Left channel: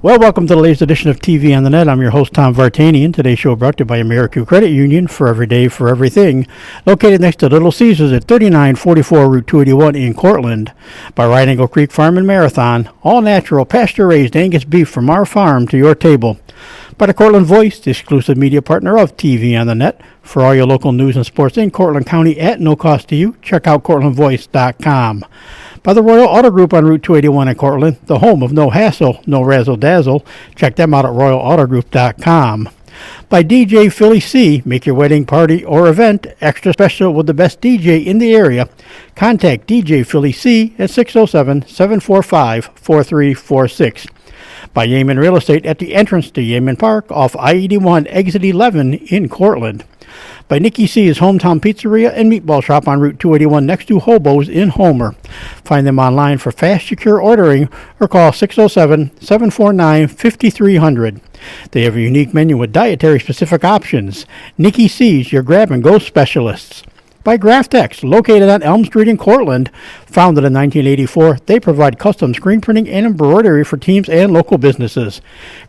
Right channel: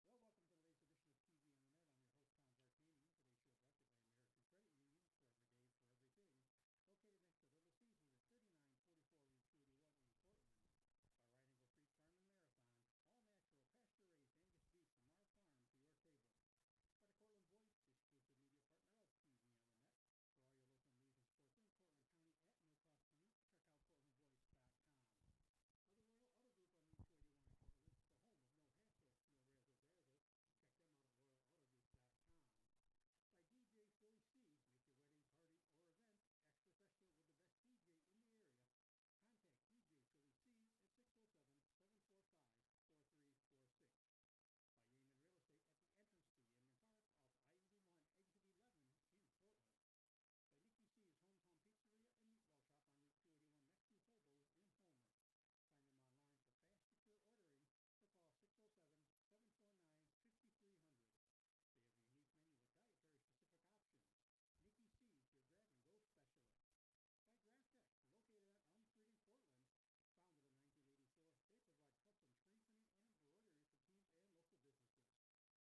Well, welcome to the latest edition of TV on the Net. I'm your host, Tom Vartanian. Today's show brought to you by American Credit Union, for every day, for everything. Located next to Little Caesars at 3944 Route 281 in Cortland. By Right Angle Creek Farm and Marathon. All natural, pasture-raised Angus beef from our farm to your table. By the Cortland Voice, the exclusive media partner of TV on the Net. For all your local news and sports in Cortland County at no cost to you, check out CortlandVoice.com. By the Royal Auto Group on Route 281 in Cortland, the home of no hassle, no razzle-dazzle. Check them out at RoyalAutoGroup.com. By DJ Philly C, make your wedding party or event extra special with the best DJ in the area. Contact DJ Philly C at 607-745-4346. By Yeaman Real Estate at the entrance to Yeaman Park off I-81 exit 11 in Cortland. By Nikki C's Hometown Pizzeria and Meatball Shop on Route 281 next to Hobo's in Homer. Find them online for fast, secure ordering or call 607-749-5300. They have a unique menu with dietary-specific options. Nikki C's, your grab-and-go specialists. By Graftex, located on Elm Street in Cortland. Founded in 1984, they provide custom screen printing and embroidery for teams and local businesses.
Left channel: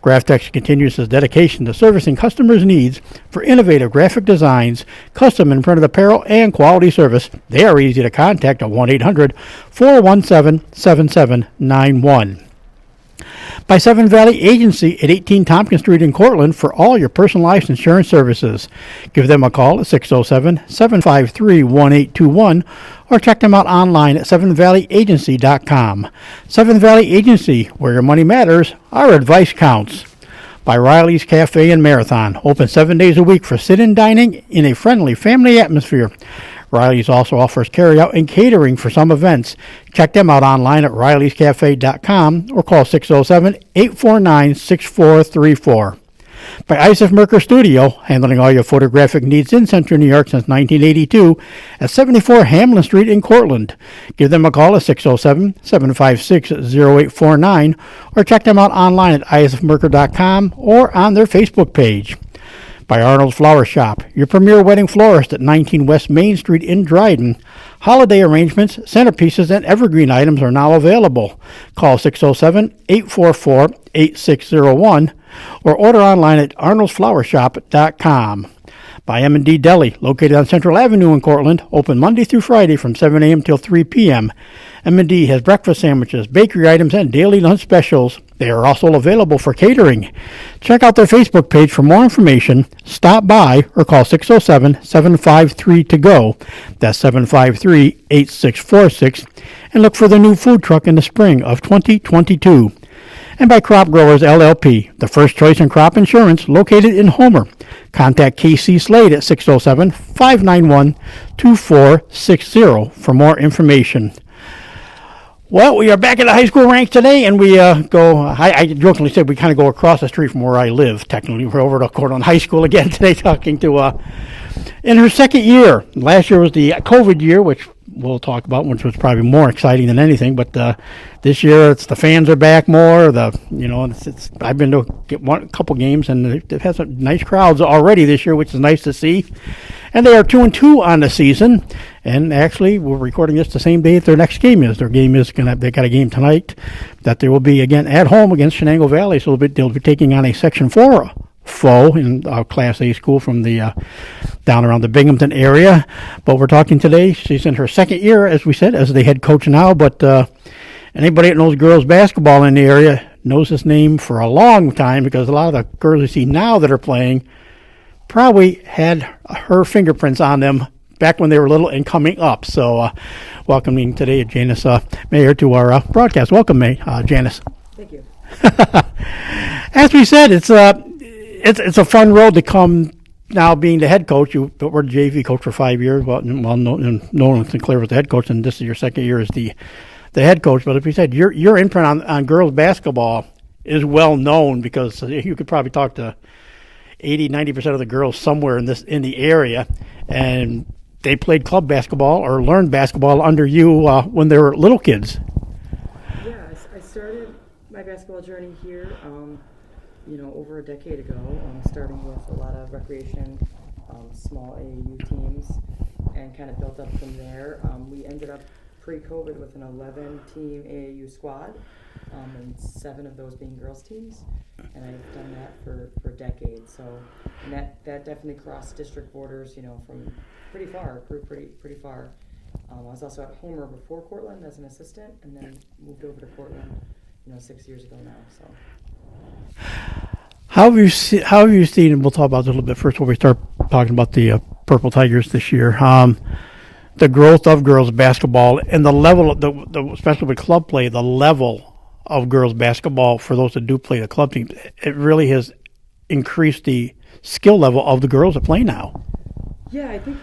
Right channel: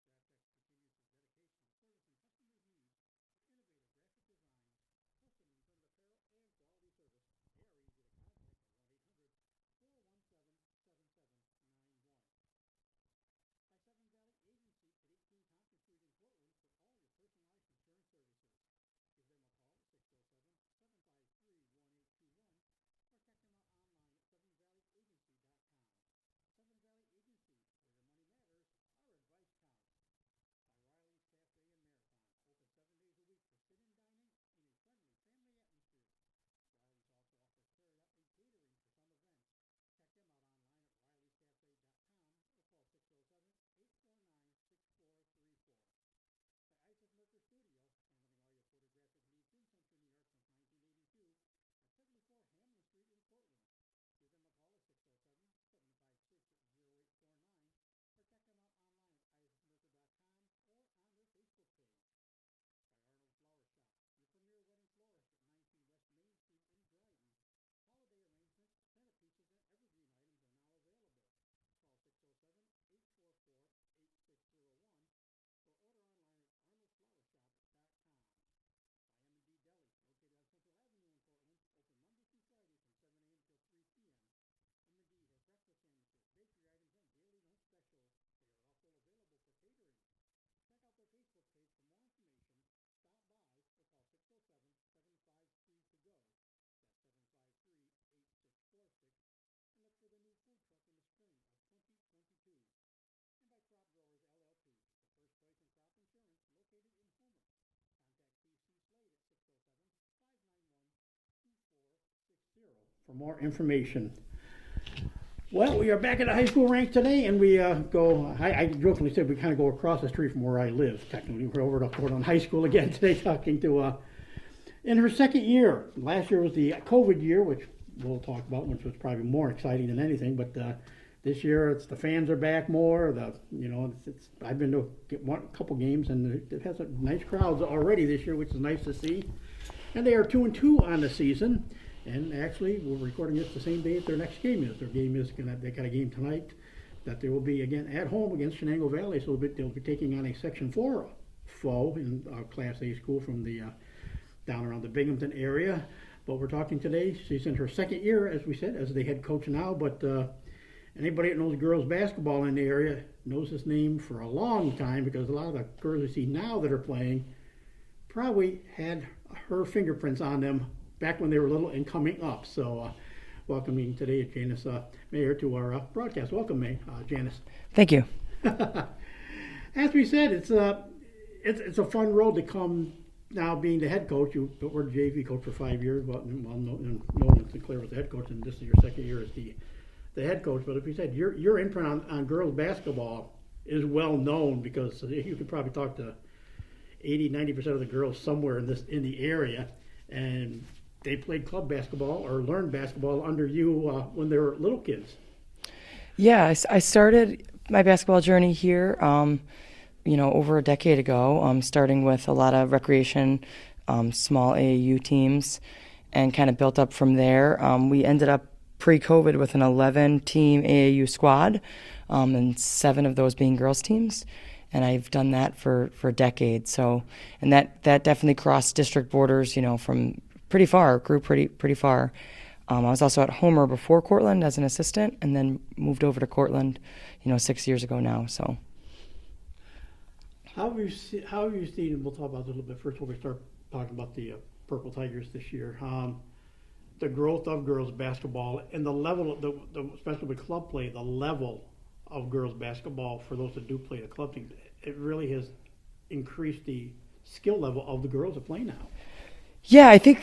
Graftex continues its dedication to servicing customers' needs for innovative graphic designs, custom and printed apparel, and quality service. They are easy to contact at 1-800-417-7791. By Seven Valley Agency at 18 Tompkins Street in Cortland for all your personalized insurance services. Give them a call at 607-753-1821 or check them out online at sevenvalleyagency.com. Seven Valley Agency, where your money matters, our advice counts. By Riley's Cafe and Marathon, open 7 days a week for sit-in dining in a friendly family atmosphere. Riley's also offers carry-out and catering for some events. Check them out online at rileyscafe.com or call 607-849-6434. By Isaac Merker Studio, handling all your photographic needs in Central New York since 1982 at 74 Hamlin Street in Cortland. Give them a call at 607-756-0849 or check them out online at isaacmerker.com or on their Facebook page. By Arnold's Flower Shop, your premier wedding florist at 19 West Main Street in Dryden. Holiday arrangements, centerpieces, and evergreen items are now available. Call 607-844-8601 or order online at arnoldsflowershop.com. By M&D Deli, located on Central Avenue in Cortland, open Monday through Friday from 7 a.m. till 3 p.m. M&D has breakfast sandwiches, bakery items, and daily lunch specials. They are also available for catering. Check out their Facebook page for more information. Stop by or call 607-753-TO-GO. That's 753-8646. And look for the new food truck in the spring of 2022. And by Crop Growers LLP, the first choice in crop insurance, located in Homer. Contact KC Slade at 607-591-2460 for more information. Well, we are back at the high school ranks today, and we I jokingly said we kind of go across the street from where I live. Technically, we're over to Cortland High School again today, talking to, in her second year. Last year was the COVID year, which we'll talk about, which was probably more exciting than anything. But this year, it's the fans are back more. I've been to a couple games, and they've had some nice crowds already this year, which is nice to see. And they are 2-2 on the season. And actually, we're recording this the same day that their next game is. They got a game tonight that they will be again at home against Shenango Valley. So they'll be taking on a Section 4 foe in Class A school from the down around the Binghamton area. But we're talking today. She's in her second year, as we said, as the head coach now. But anybody that knows girls basketball in the area knows this name for a long time, because a lot of the girls you see now that are playing probably had her fingerprints on them back when they were little and coming up. So welcoming today Janice Meyer to our broadcast. Welcome, Janice. Thank you. As we said, it's a fun road to come now, being the head coach. You were the JV coach for 5 years. Nolan Sinclair was the head coach, and this is your second year as the head coach. But as we said, your imprint on girls basketball is well known, because you could probably talk to 80-90% of the girls somewhere in the area, and they played club basketball or learned basketball under you when they were little kids. Yeah, I started my basketball journey here, over a decade ago, starting with a lot of recreation, small AAU teams, and kind of built up from there. We ended up pre-COVID with an 11-team AAU squad. and 7 of those being girls teams. And I've done that for decades. So, and that definitely crossed district borders, from pretty far, grew pretty far. I was also at Homer before Cortland as an assistant, and then moved over to Cortland, 6 years ago now. So, how have you seen? And we'll talk about this a little bit first before we start talking about the Purple Tigers this year. The growth of girls basketball and the level, especially with club play, the level of girls basketball for those that do play the club team, it really has increased the skill level of the girls that play now. Yeah, I think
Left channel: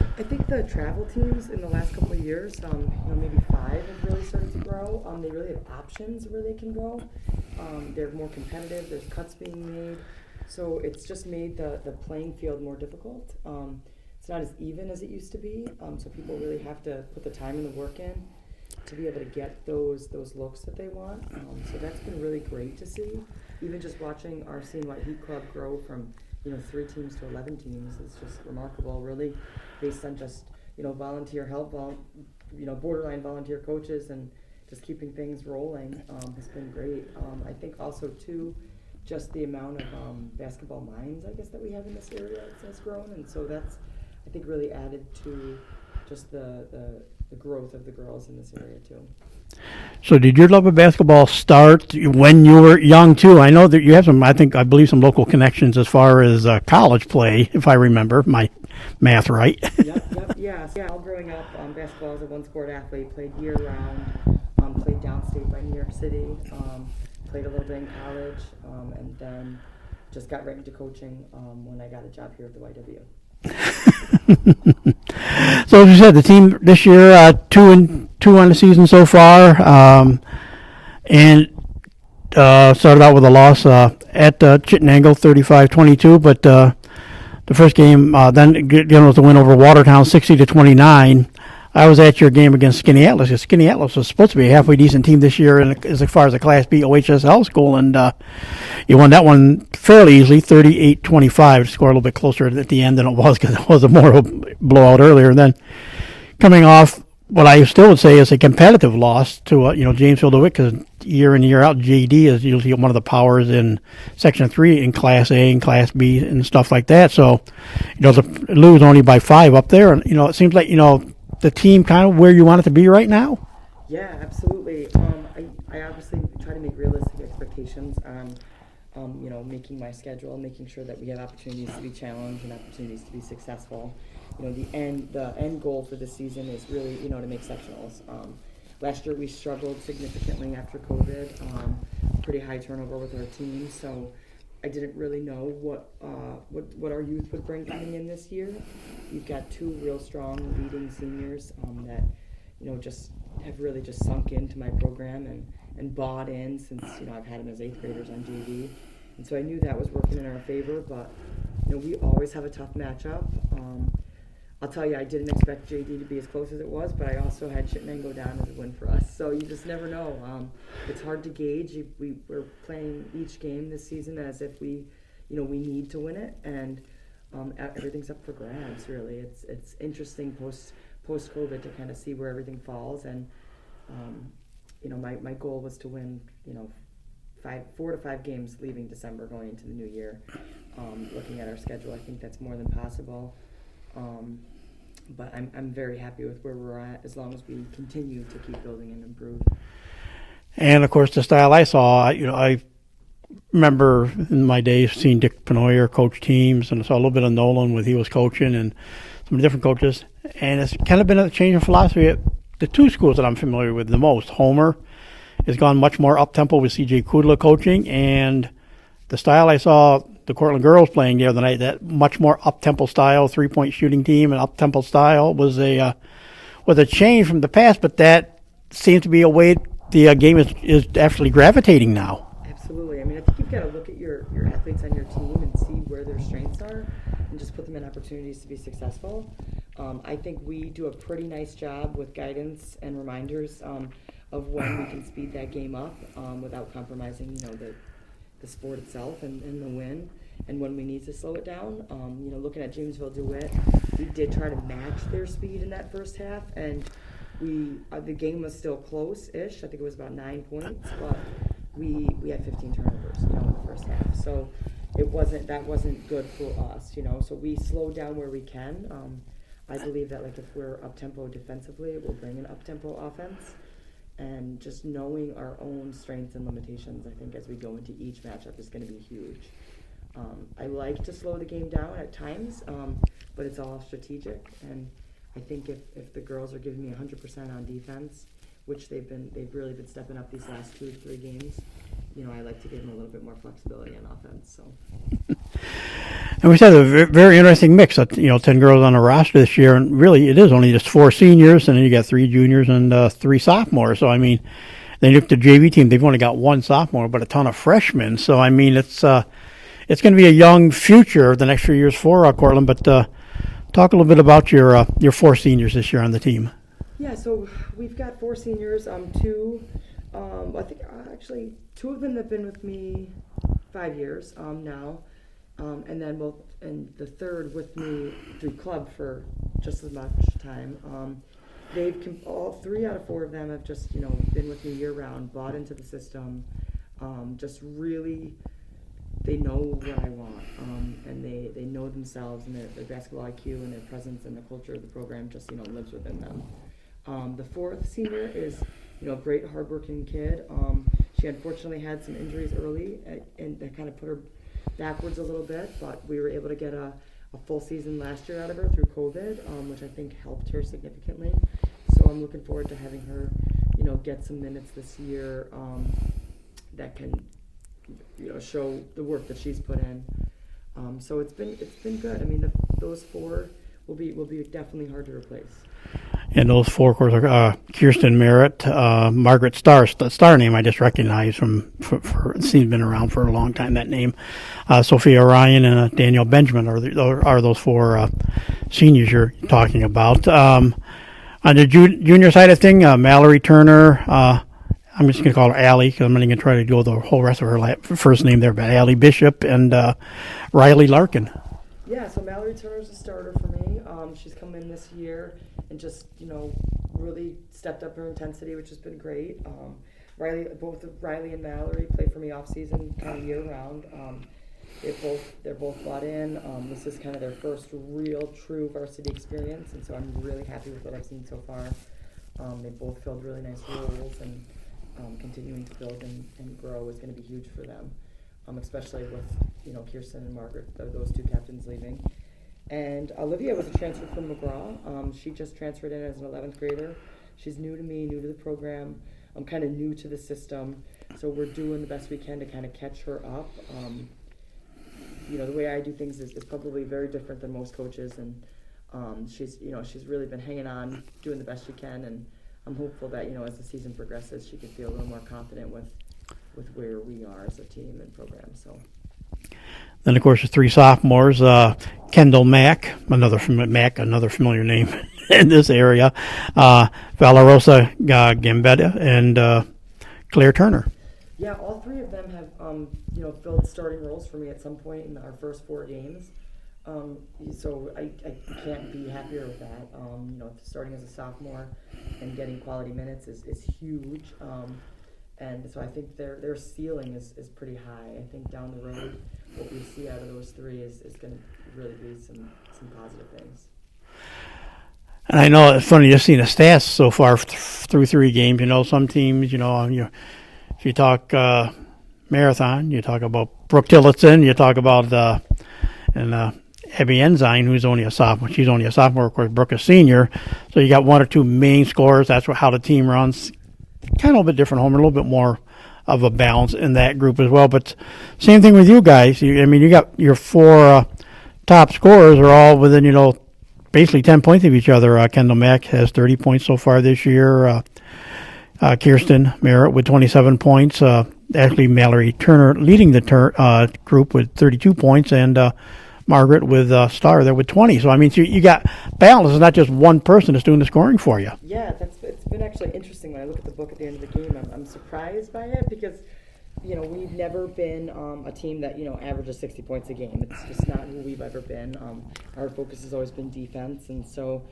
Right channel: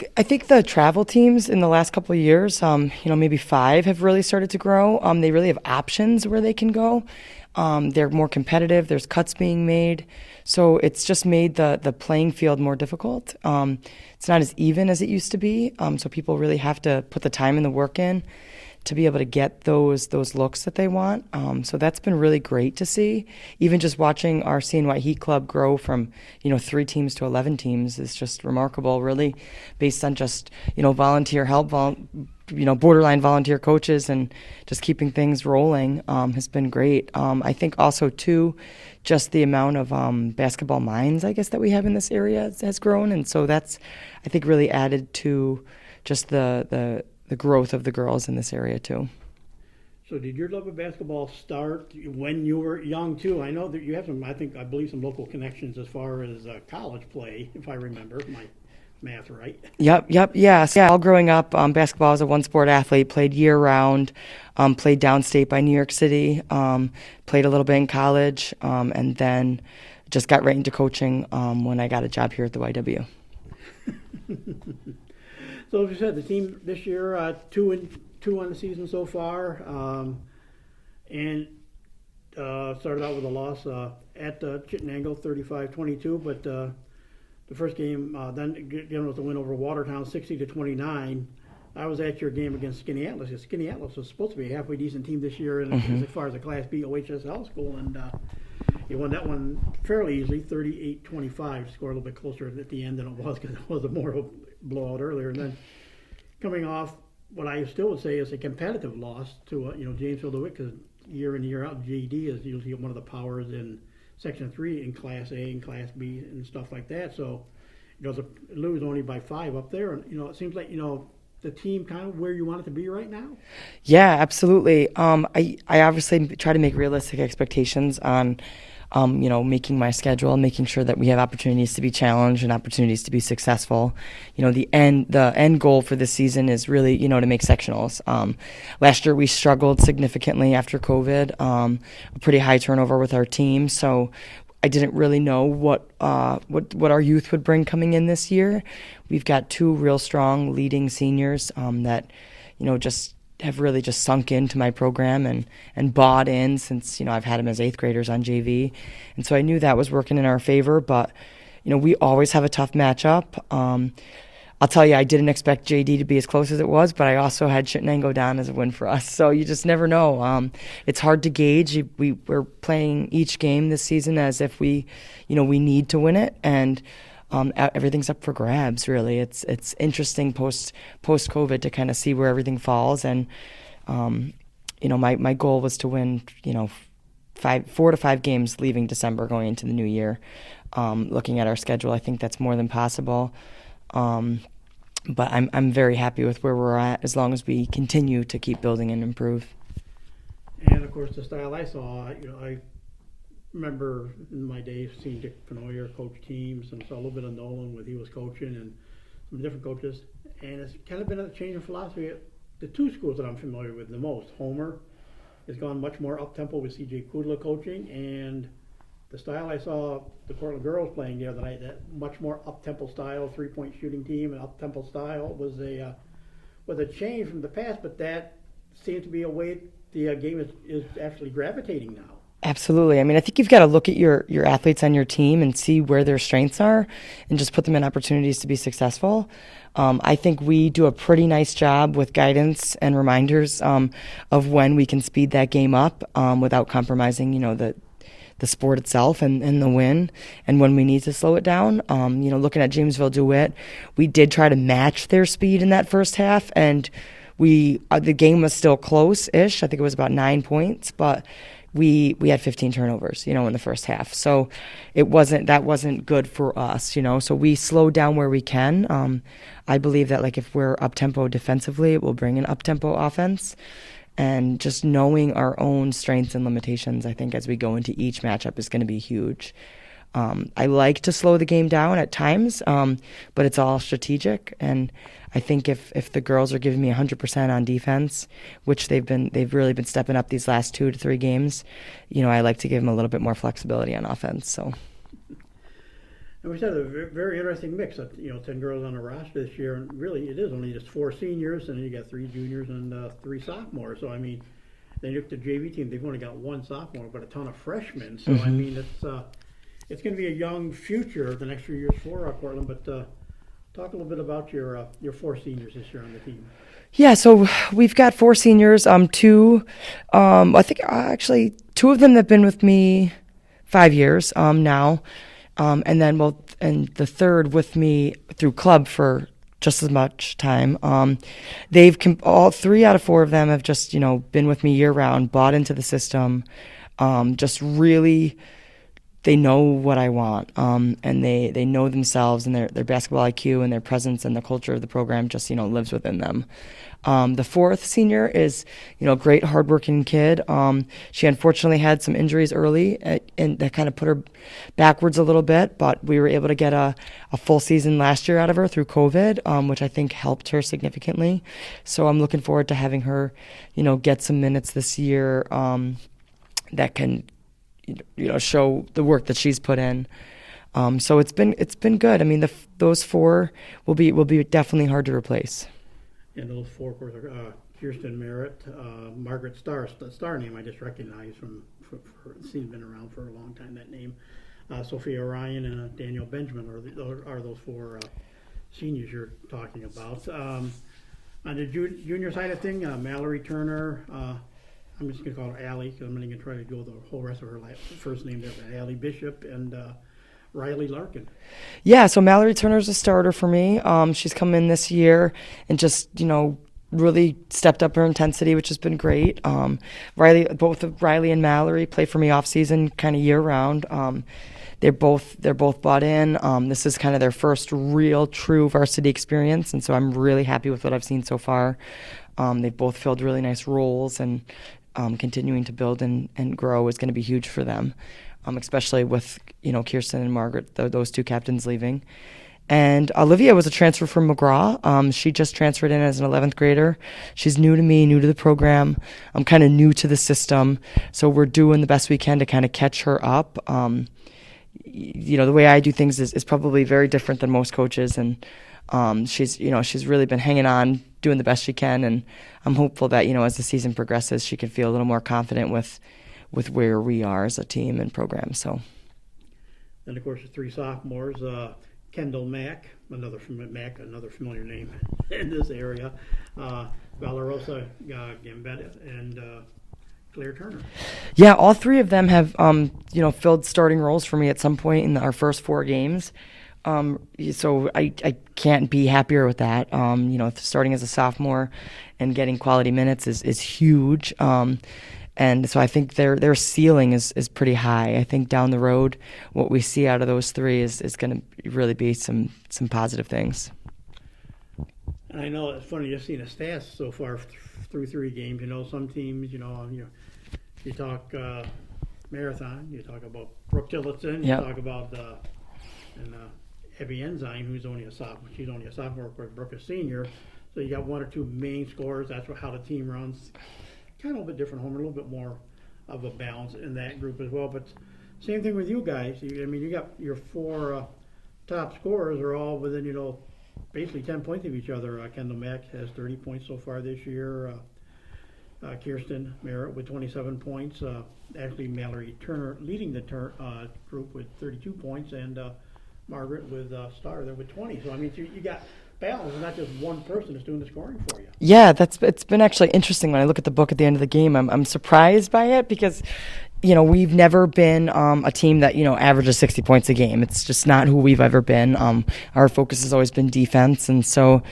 the travel teams in the last couple of years, maybe 5 have really started to grow. They really have options where they can go. They're more competitive. There's cuts being made, so it's just made the playing field more difficult. It's not as even as it used to be, so people really have to put the time and the work in to be able to get those looks that they want. So that's been really great to see. Even just watching our CNY Heat Club grow from 3 teams to 11 teams is just remarkable, really, based on just volunteer help, borderline volunteer coaches, and just keeping things rolling has been great. I think also too, just the amount of basketball minds, I guess, that we have in this area has grown, and so that's, I think, really added to just the growth of the girls in this area too. So did your love of basketball start when you were young too? I know that you have I believe some local connections as far as college play, if I remember my math right. Yep, yes. Yeah, all growing up, basketball was a one-sport athlete, played year-round, played downstate by New York City, played a little bit in college, and then just got right into coaching when I got a job here at the YW. So as you said, the team this year 2-2 on the season so far, and started out with a loss at Chittenango, 35-22. But the first game then was a win over Watertown, 60-29. I was at your game against Skinny Atlas. Skinny Atlas was supposed to be a halfway decent team this year, as far as a Class B OHSL school, and you won that one fairly easily, 38-25. Scored a little bit closer at the end than it was because it was a more of a blowout earlier. And then coming off what I still would say is a competitive loss to Jamesville DeWitt, because year in year out JD is usually one of the powers in Section 3 in Class A and Class B and stuff like that. So to lose only by 5 up there, and it seems like the team kind of where you want it to be right now? Yeah, absolutely. I obviously try to make realistic expectations on, making my schedule, making sure that we have opportunities to be challenged and opportunities to be successful. The end goal for this season is really, to make sectionals. Last year we struggled significantly after COVID, pretty high turnover with our team. So I didn't really know what our youth would bring coming in this year. We've got 2 real strong leading seniors that, just have really just sunk into my program and bought in since, I've had them as 8th graders on JV. And so I knew that was working in our favor, but, we always have a tough matchup. I'll tell you, I didn't expect JD to be as close as it was, but I also had Chittenango down as a win for us. So you just never know. It's hard to gauge. We're playing each game this season as if we need to win it, and everything's up for grabs. Really, it's interesting post COVID to kind of see where everything falls. And my goal was to win 4 to 5 games leaving December going into the new year. Looking at our schedule, I think that's more than possible. But I'm very happy with where we're at as long as we continue to keep building and improve. And of course, the style I saw, I remember in my days seeing Dick Penoyer coach teams, and I saw a little bit of Nolan when he was coaching and some different coaches. And it's kind of been a change in philosophy at the 2 schools that I'm familiar with the most. Homer has gone much more up-tempo with C.J. Kudla coaching, and the style I saw the Cortland girls playing the other night, that much more up-tempo style, 3-point shooting team and up-tempo style was a change from the past, but that seems to be a way the game is actually gravitating now. Absolutely. I mean, I think you've got to look at your athletes on your team and see where their strengths are and just put them in opportunities to be successful. I think we do a pretty nice job with guidance and reminders of when we can speed that game up without compromising, the sport itself and the win, and when we need to slow it down. Looking at Jamesville DeWitt, we did try to match their speed in that first half, and the game was still close-ish. I think it was about 9 points, but we had 15 turnovers, in the first half. So that wasn't good for us, So we slowed down where we can. I believe that if we're up tempo defensively, it will bring an up tempo offense. And just knowing our own strengths and limitations, I think as we go into each matchup is going to be huge. I like to slow the game down at times, but it's all strategic. And I think if the girls are giving me 100% on defense, which they've really been stepping up these last 2 to 3 games, I like to give them a little bit more flexibility on offense. So. And we had a very interesting mix of 10 girls on the roster this year, and really it is only just 4 seniors, and then you got 3 juniors and 3 sophomores. So I mean, then you look at the JV team; they've only got 1 sophomore, but a ton of freshmen. So I mean, it's going to be a young future the next few years for Cortland. But talk a little bit about your 4 seniors this year on the team. Yeah, so we've got 4 seniors. 2, I think actually 2 of them have been with me 5 years now. And then, and the third with me through club for just as much time. All 3 out of 4 of them have just, been with me year round, bought into the system, just really, they know what I want. And they know themselves, and their basketball IQ and their presence and the culture of the program just, lives within them. The 4th senior is, a great hardworking kid. She unfortunately had some injuries early, and that kind of put her backwards a little bit, but we were able to get a full season last year out of her through COVID, which I think helped her significantly. So I'm looking forward to having her, get some minutes this year that can, show the work that she's put in. So it's been good. I mean, those 4 will be definitely hard to replace. And those 4, of course, are Kirsten Merritt, Margaret Starr. The Starr name I just recognize she's been around for a long time, that name. Sophia Ryan and Danielle Benjamin are those 4 seniors you're talking about. On the junior side of thing, Mallory Turner, I'm just going to call her Allie because I'm not going to try to go the whole rest of her first name there, but Allie Bishop and Riley Larkin. Yeah, so Mallory Turner's a starter for me. She's come in this year and just, really stepped up her intensity, which has been great. Both Riley and Mallory play for me off season, kind of year round. They're both bought in. This is kind of their first real, true varsity experience, and so I'm really happy with what I've seen so far. They've both filled really nice roles, and continuing to build and grow is going to be huge for them. Especially with, Kirsten and Margaret, those 2 captains leaving. And Olivia was a transfer from McGraw. She just transferred in as an 11th grader. She's new to me, new to the program. I'm kind of new to the system. So we're doing the best we can to kind of catch her up. The way I do things is probably very different than most coaches. And she's really been hanging on, doing the best she can. And I'm hopeful that, as the season progresses, she can feel a little more confident with where we are as a team and program. So then, of course, the 3 sophomores, Kendall Mack, another familiar name in this area, Valerosa Gambetta, and Claire Turner. Yeah, all 3 of them have, filled starting roles for me at some point in our first 4 games. So I can't be happier with that. Starting as a sophomore and getting quality minutes is huge. And so I think their ceiling is pretty high. I think down the road, what we see out of those 3 is going to really be some positive things. And I know it's funny just seeing the stats so far through 3 games. Some teams, if you talk marathon, you talk about Brooke Tillotson, you talk about Abby Ensign, who's only a sophomore. She's only a sophomore, of course. Brooke a senior. So you got 1 or 2 main scorers. That's how the team runs. Kind of a little bit different home, a little bit more of a balance in that group as well. But same thing with you guys. You got your 4 top scorers are all within, basically 10 points of each other. Kendall Mack has 30 points so far this year. Kirsten Merritt with 27 points. Actually, Mallory Turner leading the group with 32 points, and Margaret with Starr there with 20. So, you got balance. It's not just one person that's doing the scoring for you. Yeah, it's been actually interesting when I look at the book at the end of the game. I'm surprised by it because, we've never been a team that, averages 60 points a game. It's just not who we've ever been. Our focus has always been defense. And so,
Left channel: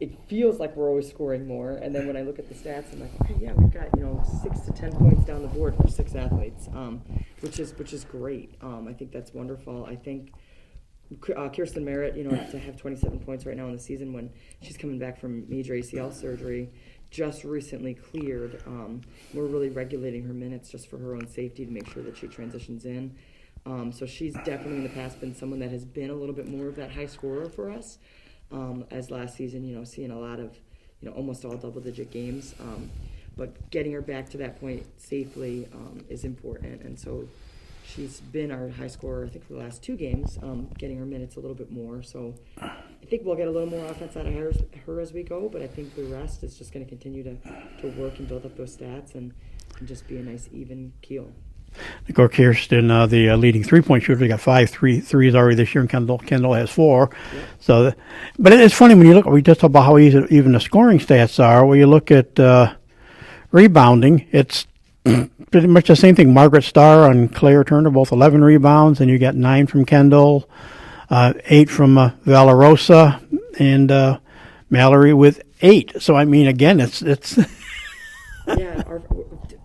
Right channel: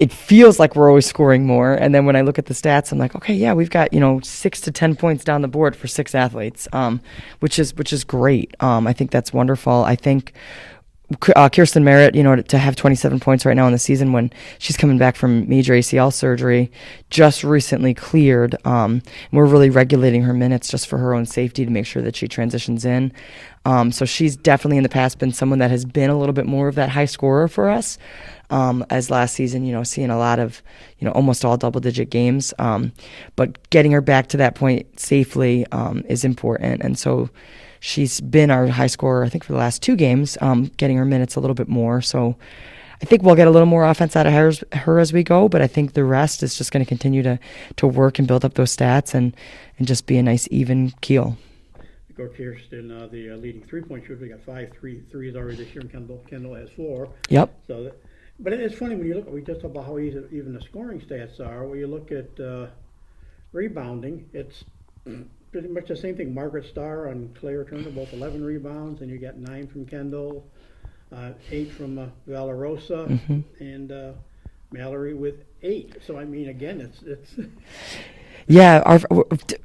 it feels like we're always scoring more. And then when I look at the stats, I'm like, okay, yeah, we've got 6 to 10 points down the board for 6 athletes, which is great. I think that's wonderful. I think Kirsten Merritt, to have 27 points right now in the season when she's coming back from major ACL surgery, just recently cleared. We're really regulating her minutes just for her own safety to make sure that she transitions in. So she's definitely in the past been someone that has been a little bit more of that high scorer for us. As last season, seeing a lot of, almost all double-digit games. But getting her back to that point safely is important. And so she's been our high scorer, I think, for the last 2 games, getting her minutes a little bit more. So I think we'll get a little more offense out of her as we go, but I think the rest is just going to continue to work and build up those stats and just be a nice even keel. Kirsten, the leading three-point shooter, got 5 threes already this year, and Kendall has 4. Yep. So, but it's funny when you look. We just talked about how easy even the scoring stats are. When you look at rebounding, it's pretty much the same thing. Margaret Starr and Claire Turner, both 11 rebounds, and you got 9 from Kendall, 8 from Valarosa, and Mallory with 8. So I mean, again, it's. Yeah, our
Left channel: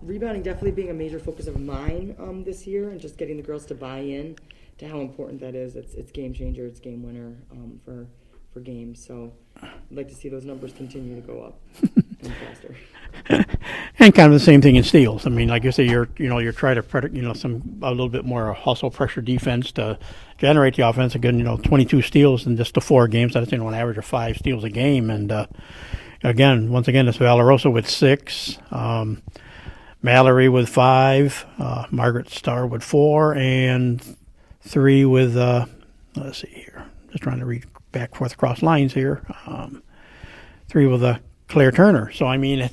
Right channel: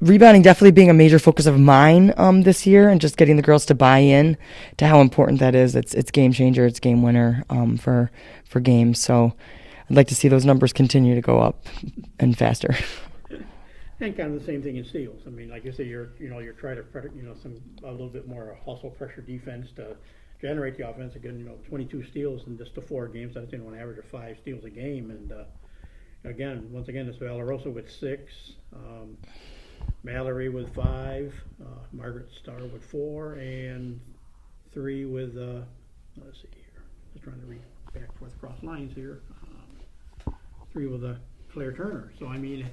rebounding definitely being a major focus of mine this year, and just getting the girls to buy in to how important that is. It's game changer, it's game winner for games. So I'd like to see those numbers continue to go up and faster. And kind of the same thing in steals. I mean, like you say, you're trying to a little bit more hustle pressure defense to generate the offense. Again, 22 steals in just the 4 games. That's an average of 5 steals a game. And once again, it's Valarosa with 6, Mallory with 5, Margaret Starr with 4, and 3 with let's see here. Just trying to read back forth across lines here. 3 with Claire Turner. So I mean,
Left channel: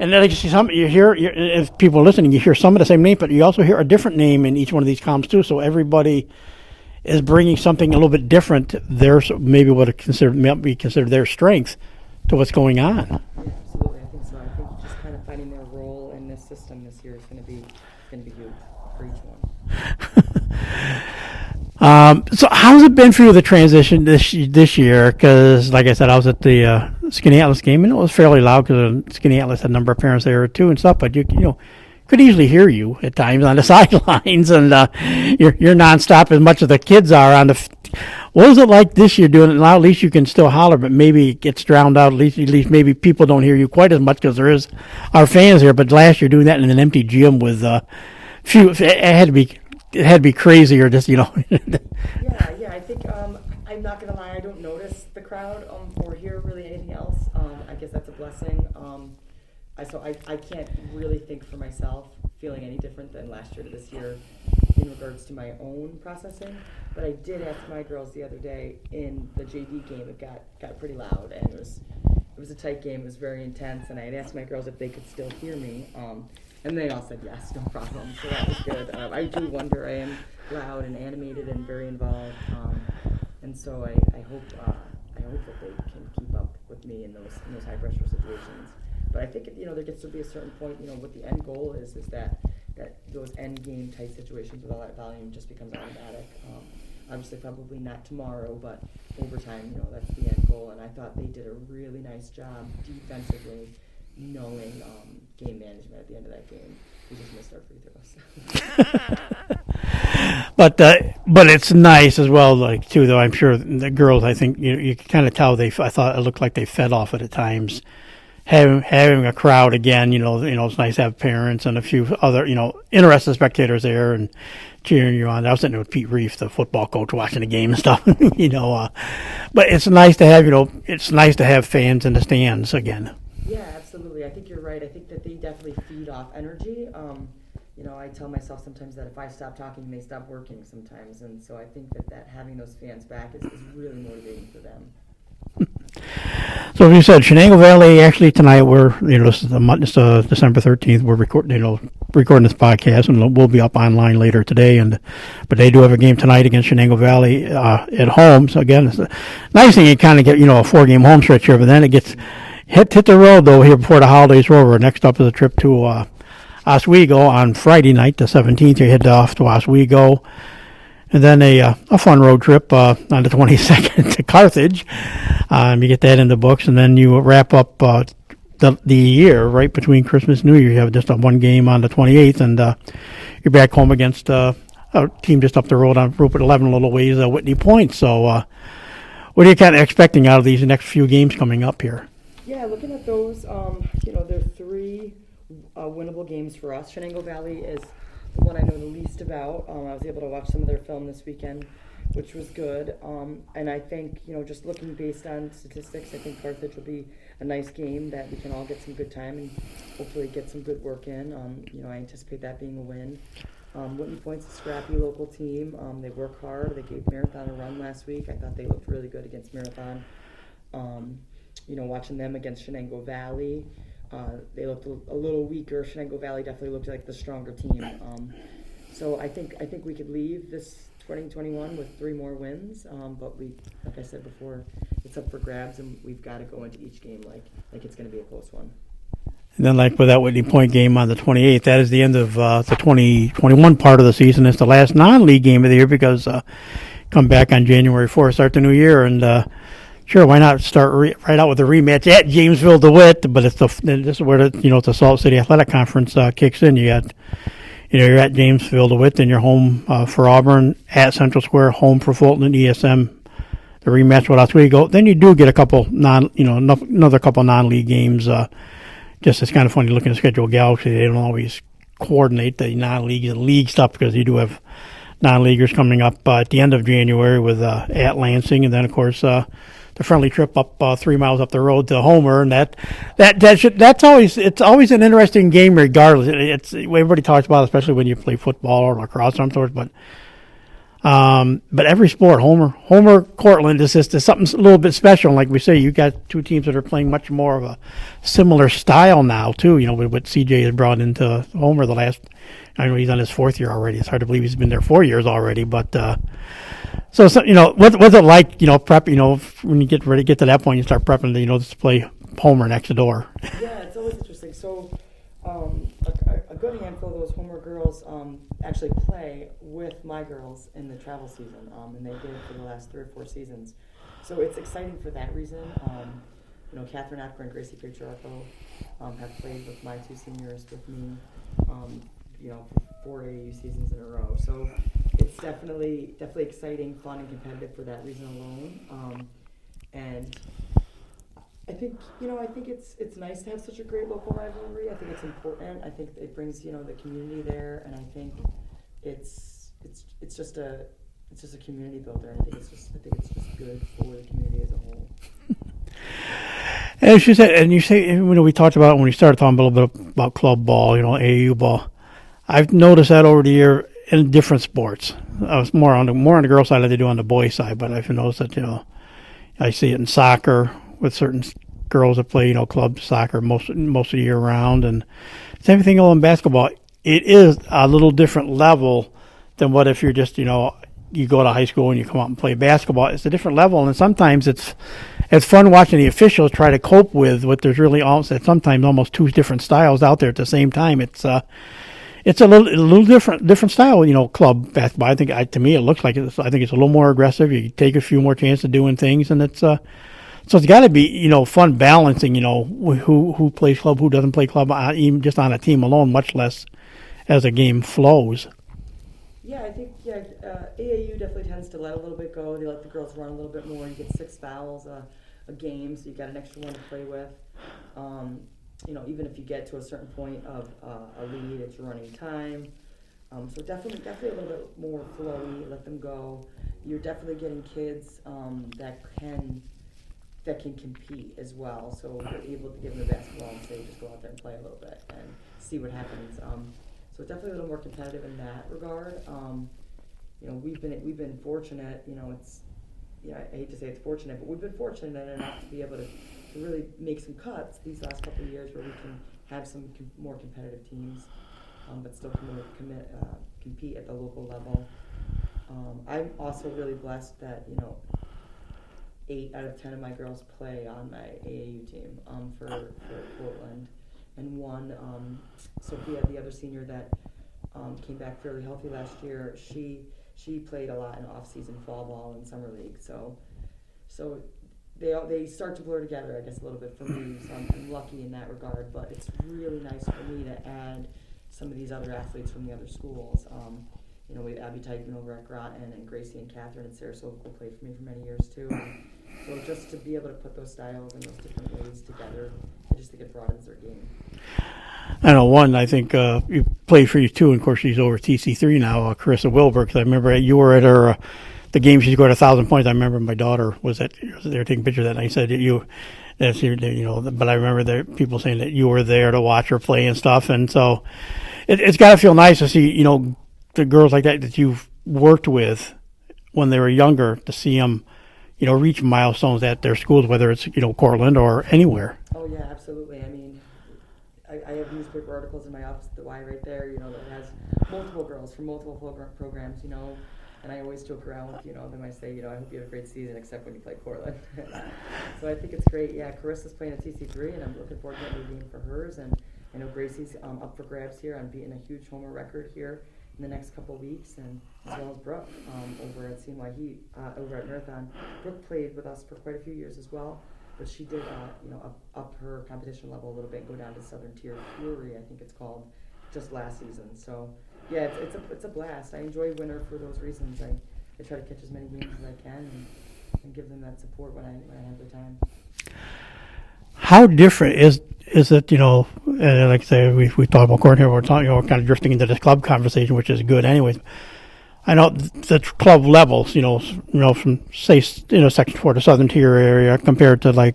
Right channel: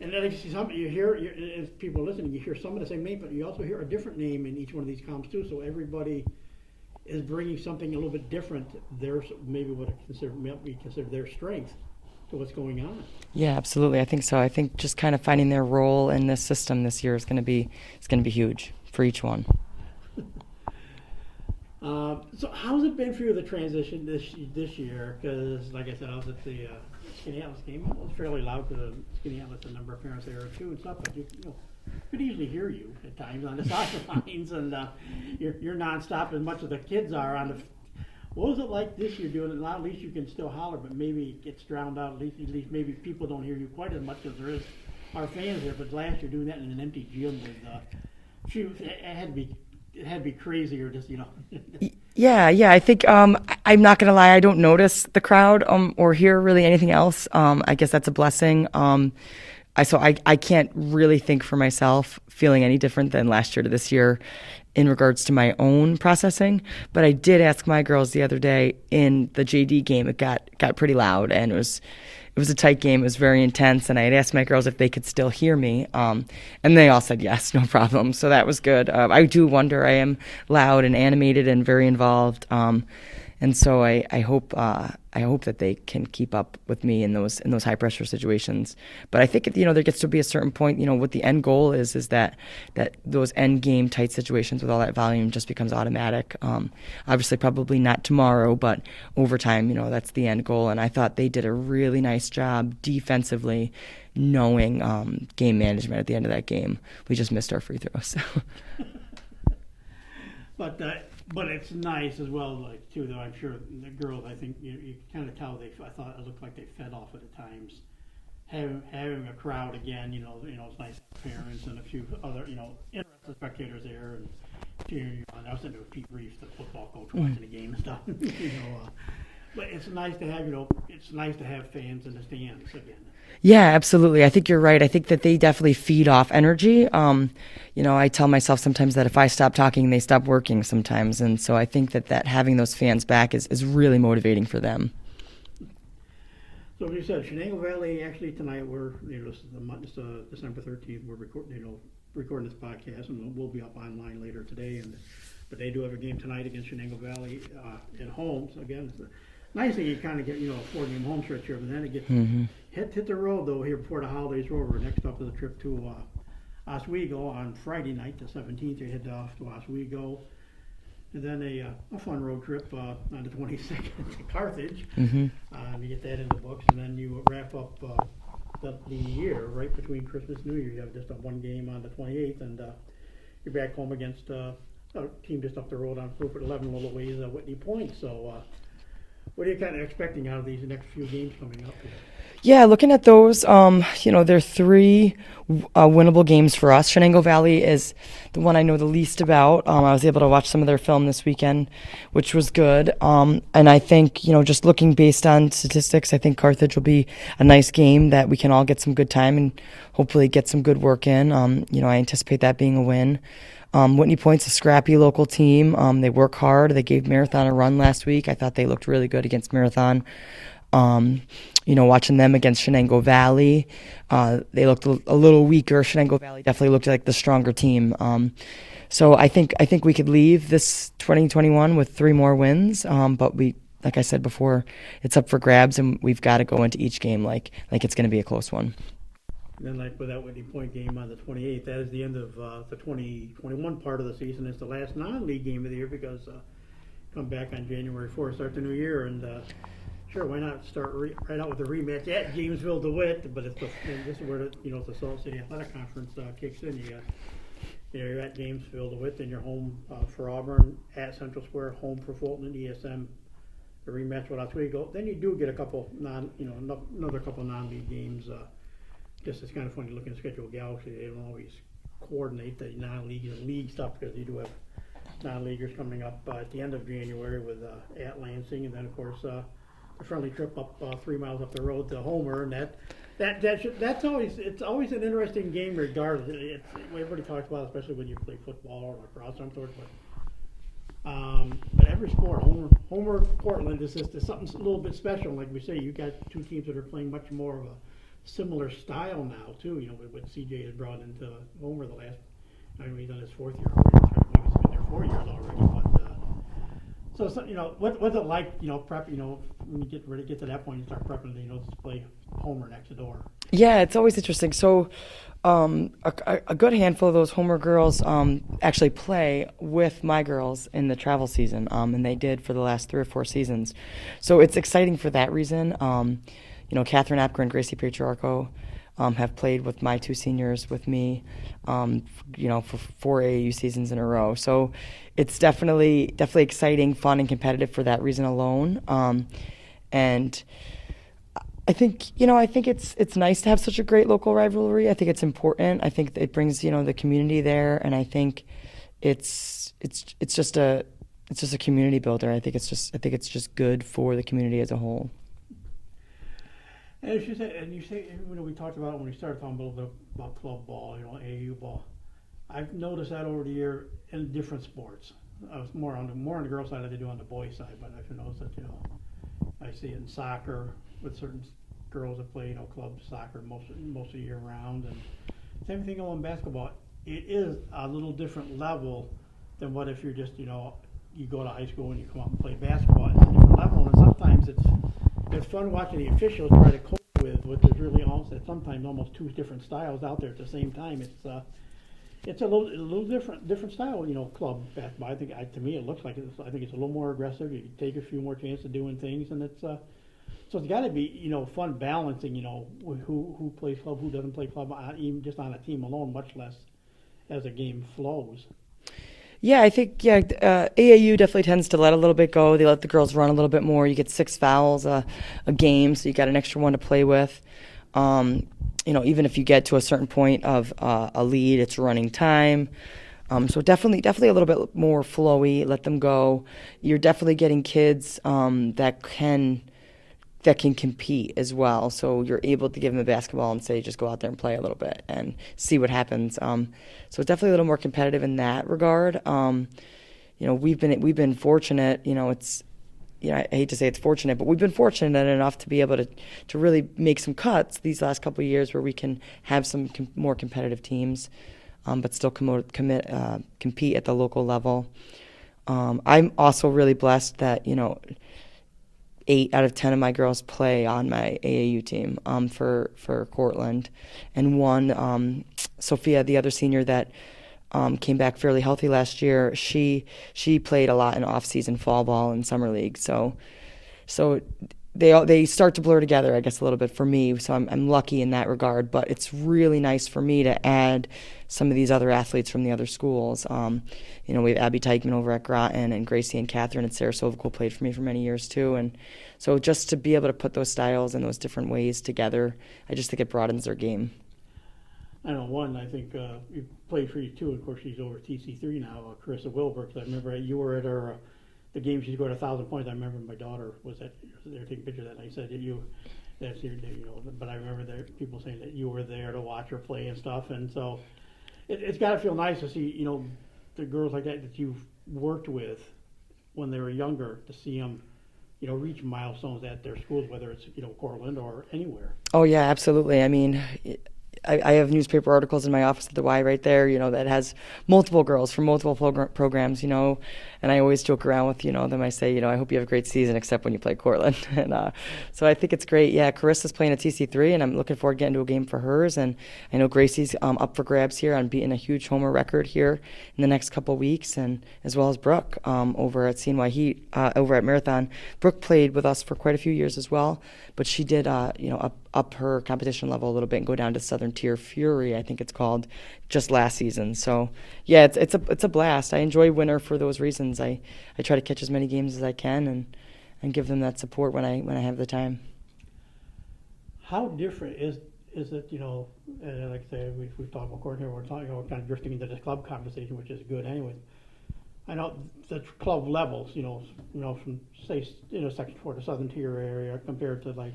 and then you hear if people are listening, you hear some of the same name, but you also hear a different name in each one of these columns too. So everybody is bringing something a little bit different. There's maybe what might be considered their strength to what's going on. Yeah, absolutely. I think so. I think just kind of finding their role in this system this year is going to be huge for each one. So how's it been for you, the transition this year? Because, like I said, I was at the Skinny Atlas game, and it was fairly loud because Skinny Atlas had a number of parents there too and stuff. But you could easily hear you at times on the sidelines, and you're nonstop as much as the kids are on the. What is it like this year doing it now? At least you can still holler, but maybe it gets drowned out. At least maybe people don't hear you quite as much because there is our fans here. But last year doing that in an empty gym with few, it had to be crazy, or just Yeah. I think I'm not gonna lie. I don't notice the crowd or hear really anything else. I guess that's a blessing. I can't really think for myself feeling any different than last year to this year in regards to my own processing. But I did ask my girls the other day in the JD game. It got pretty loud, and it was a tight game. It was very intense, and I had asked my girls if they could still hear me, and they all said yes, no problem. So that was good. I do wonder. I am loud and animated and very involved. And so I hope that they can keep up with me in those high pressure situations. But I think there gets to be a certain point. What the end goal is that those end game tight situations with all that volume just becomes automatic. Obviously, probably not tomorrow, but over time, that's the end goal. And I thought they did a really nice job defensively, knowing game management at the end of that game. We just missed our free throws. But it's nice as well, like too. Though I'm sure the girls, I think you can kind of tell I thought it looked like they fed off it at times. Having a crowd again, it's nice to have parents and a few other interested spectators there and cheering you on. I was sitting there with Pete Reef, the football coach, watching the game and stuff. But it's nice to have fans in the stands again. Yeah, absolutely. I think you're right. I think that they definitely feed off energy. I tell myself sometimes that if I stop talking, they stop working sometimes. And so I think that having those fans back is really motivating for them. So as you said, Shenango Valley, actually tonight it's December 13th. We're recording this podcast, and we'll be up online later today. But they do have a game tonight against Shenango Valley at home. So again, it's a nice thing. You kind of get a 4-game home stretch here, but then it gets hit the road though here before the holidays are over. Next up is a trip to Oswego on Friday night, the 17th. You head off to Oswego. and then a fun road trip on the 22nd to Carthage. You get that in the books, and then you wrap up the year right between Christmas and New Year. You have just one game on the 28th, and you're back home against a team just up the road on Route 11 a little ways, Whitney Point. So what are you kind of expecting out of these next few games coming up here? Yeah, looking at those, they're three winnable games for us. Shenango Valley is the one I know the least about. I was able to watch some of their film this weekend, which was good. And I think, just looking based on statistics, I think Carthage will be a nice game that we can all get some good time and hopefully get some good work in. I anticipate that being a win. Whitney Point's a scrappy local team. They work hard. They gave Marathon a run last week. I thought they looked really good against Marathon. Watching them against Shenango Valley, they looked a little weaker. Shenango Valley definitely looked like the stronger team. So I think we could leave this 2021 with 3 more wins. But we, like I said before, it's up for grabs, and we've got to go into each game like it's going to be a close one. And then, like with that Whitney Point game on the 28th, that is the end of the 2021 part of the season. It's the last non-league game of the year because come back on January 4th, start the new year, and sure, why not start right out with a rematch at Jamesville DeWitt? But this is where the Salt City Athletic Conference kicks in. You're at Jamesville DeWitt, then you're home for Auburn, at Central Square, home for Fulton and ESM. The rematch with Oswego. Then you do get a couple another couple non-league games. Just it's kind of funny looking at the schedule. Galaxy, they don't always coordinate the non-league and league stuff because you do have non-leaguers coming up at the end of January with at Lansing, and then of course the friendly trip up 3 miles up the road to Homer, and that's always an interesting game regardless. It's everybody talks about it, especially when you play football or lacrosse or some sort, but every sport, Homer, Cortland is something a little bit special. And like we say, you got 2 teams that are playing much more of a similar style now too. With what CJ has brought into Homer the last. I know he's on his 4th year already. It's hard to believe he's been there 4 years already. But what's it like? Prep. When you get ready to get to that point, you start prepping to play Homer next door. Yeah, it's always interesting. So. A good handful of those Homer girls actually play with my girls in the travel season, and they did for the last 3 or 4 seasons. So it's exciting for that reason. Catherine Apker and Gracie Patriarcho have played with my 2 seniors with me, for 4 AAU seasons in a row. So it's definitely exciting, fun, and competitive for that reason alone. And I think it's nice to have such a great local rivalry. I think it's important. I think it brings the community there, and I think it's just a community builder. I think it's just good for the community as a whole. As you said, and you say we talked about it when we started talking a little bit about club ball, AAU ball. I've noticed that over the year in different sports. I was more on the girl side than they do on the boy side, but I've noticed that I see it in soccer with certain girls that play, club soccer most of the year round, and same thing in basketball. It is a little different level than what if you're just, you go to high school and you come out and play basketball. It's a different level, and sometimes it's fun watching the officials try to cope with what there's really sometimes almost 2 different styles out there at the same time. It's a little different style, club basketball. I think to me it looks like I think it's a little more aggressive. You take a few more chances of doing things, and it's so it's got to be, fun balancing, who plays club, who doesn't play club, even just on a team alone, much less as a game flows. Yeah, I think, AAU definitely tends to let a little bit go. They let the girls run a little bit more. You get 6 fouls a game, so you got an extra one to play with. Even if you get to a certain point of a lead, it's running time. So definitely a little bit more flowy, let them go. You're definitely getting kids that can compete as well. So you're able to give them a basketball and say, just go out there and play a little bit and see what happens. So it's definitely a little more competitive in that regard. We've been fortunate. I hate to say it's fortunate, but we've been fortunate enough to be able to really make some cuts these last couple of years where we can have some more competitive teams, but still compete at the local level. I'm also really blessed that 8 out of 10 of my girls play on my AAU team for Cortland, and one, Sophia, the other senior that came back fairly healthy last year. She played a lot in off-season fall ball and summer league. So they start to blur together, I guess, a little bit for me. So I'm lucky in that regard. But it's really nice for me to add some of these other athletes from the other schools. We have Abby Teichman over at Groton, and Gracie and Catherine at Sarasota who played for me for many years too. And so just to be able to put those styles and those different ways together, I just think it broadens their game. I know one, I think you played for you too, and of course she's over at TC3 now, Carissa Wilbur, because I remember you were at her, the game she scored 1,000 points. I remember my daughter was there taking pictures of that, and I said but I remember there people saying that you were there to watch her play and stuff, and so it's got to feel nice to see, the girls like that you've worked with when they were younger, to see them, reach milestones at their schools, whether it's, Cortland or anywhere. Oh, yeah, absolutely. I mean, I have newspaper articles in my office at the Y right there, that has multiple girls from multiple programs, and I always joke around with, them. I say, I hope you have a great season, except when you play Cortland. And so I think it's great. Yeah, Carissa's playing at TC3, and I'm looking forward to getting to a game for hers. And I know Gracie's up for grabs here on beating a huge homer record here in the next couple of weeks, and as well as Brooke over at CNY Heat, over at Marathon. Brooke played with us for quite a few years as well, but she did, up her competition level a little bit and go down to Southern Tier Fury, I think it's called, just last season. So yeah, it's a blast. I enjoy winter for those reasons. I try to catch as many games as I can and give them that support when I have the time. How different is it, like I say, we talked about Cortland here, we're talking, we're kind of drifting into this club conversation, which is good anyways. I know the club levels, from say, Section 4 to Southern Tier area compared to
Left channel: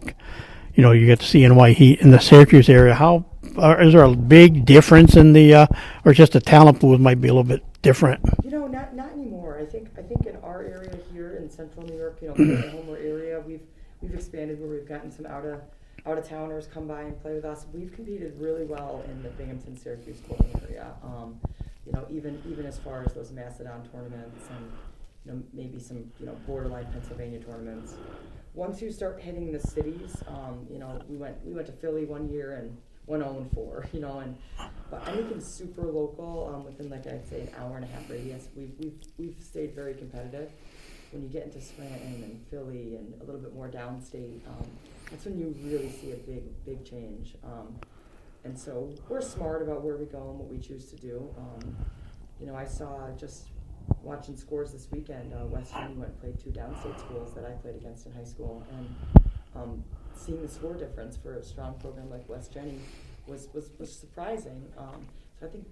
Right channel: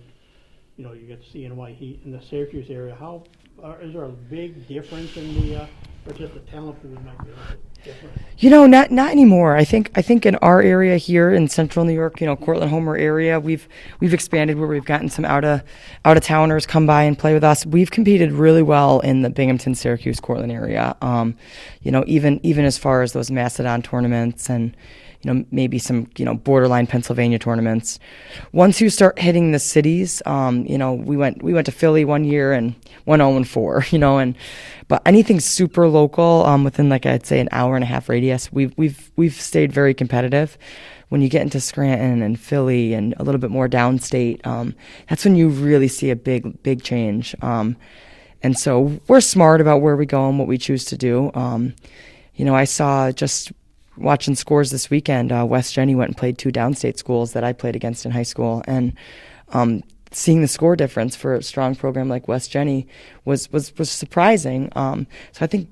you get to see CNY Heat in the Syracuse area. Is there a big difference in the, or just the talent pool might be a little bit different? Not anymore. I think in our area here in Central New York, Cortland Homer area, we've expanded where we've gotten some out of towners come by and play with us. We've competed really well in the Binghamton, Syracuse, Cortland area. Even as far as those Macedon tournaments and maybe some borderline Pennsylvania tournaments. Once you start hitting the cities, we went to Philly one year and went 0-4, but anything super local, within I'd say an hour and a half radius, we've stayed very competitive. When you get into Scranton and Philly and a little bit more downstate, that's when you really see a big change. And so we're smart about where we go and what we choose to do. I saw just watching scores this weekend, West Jenny went and played 2 downstate schools that I played against in high school, and seeing the score difference for a strong program like West Jenny was surprising. So I think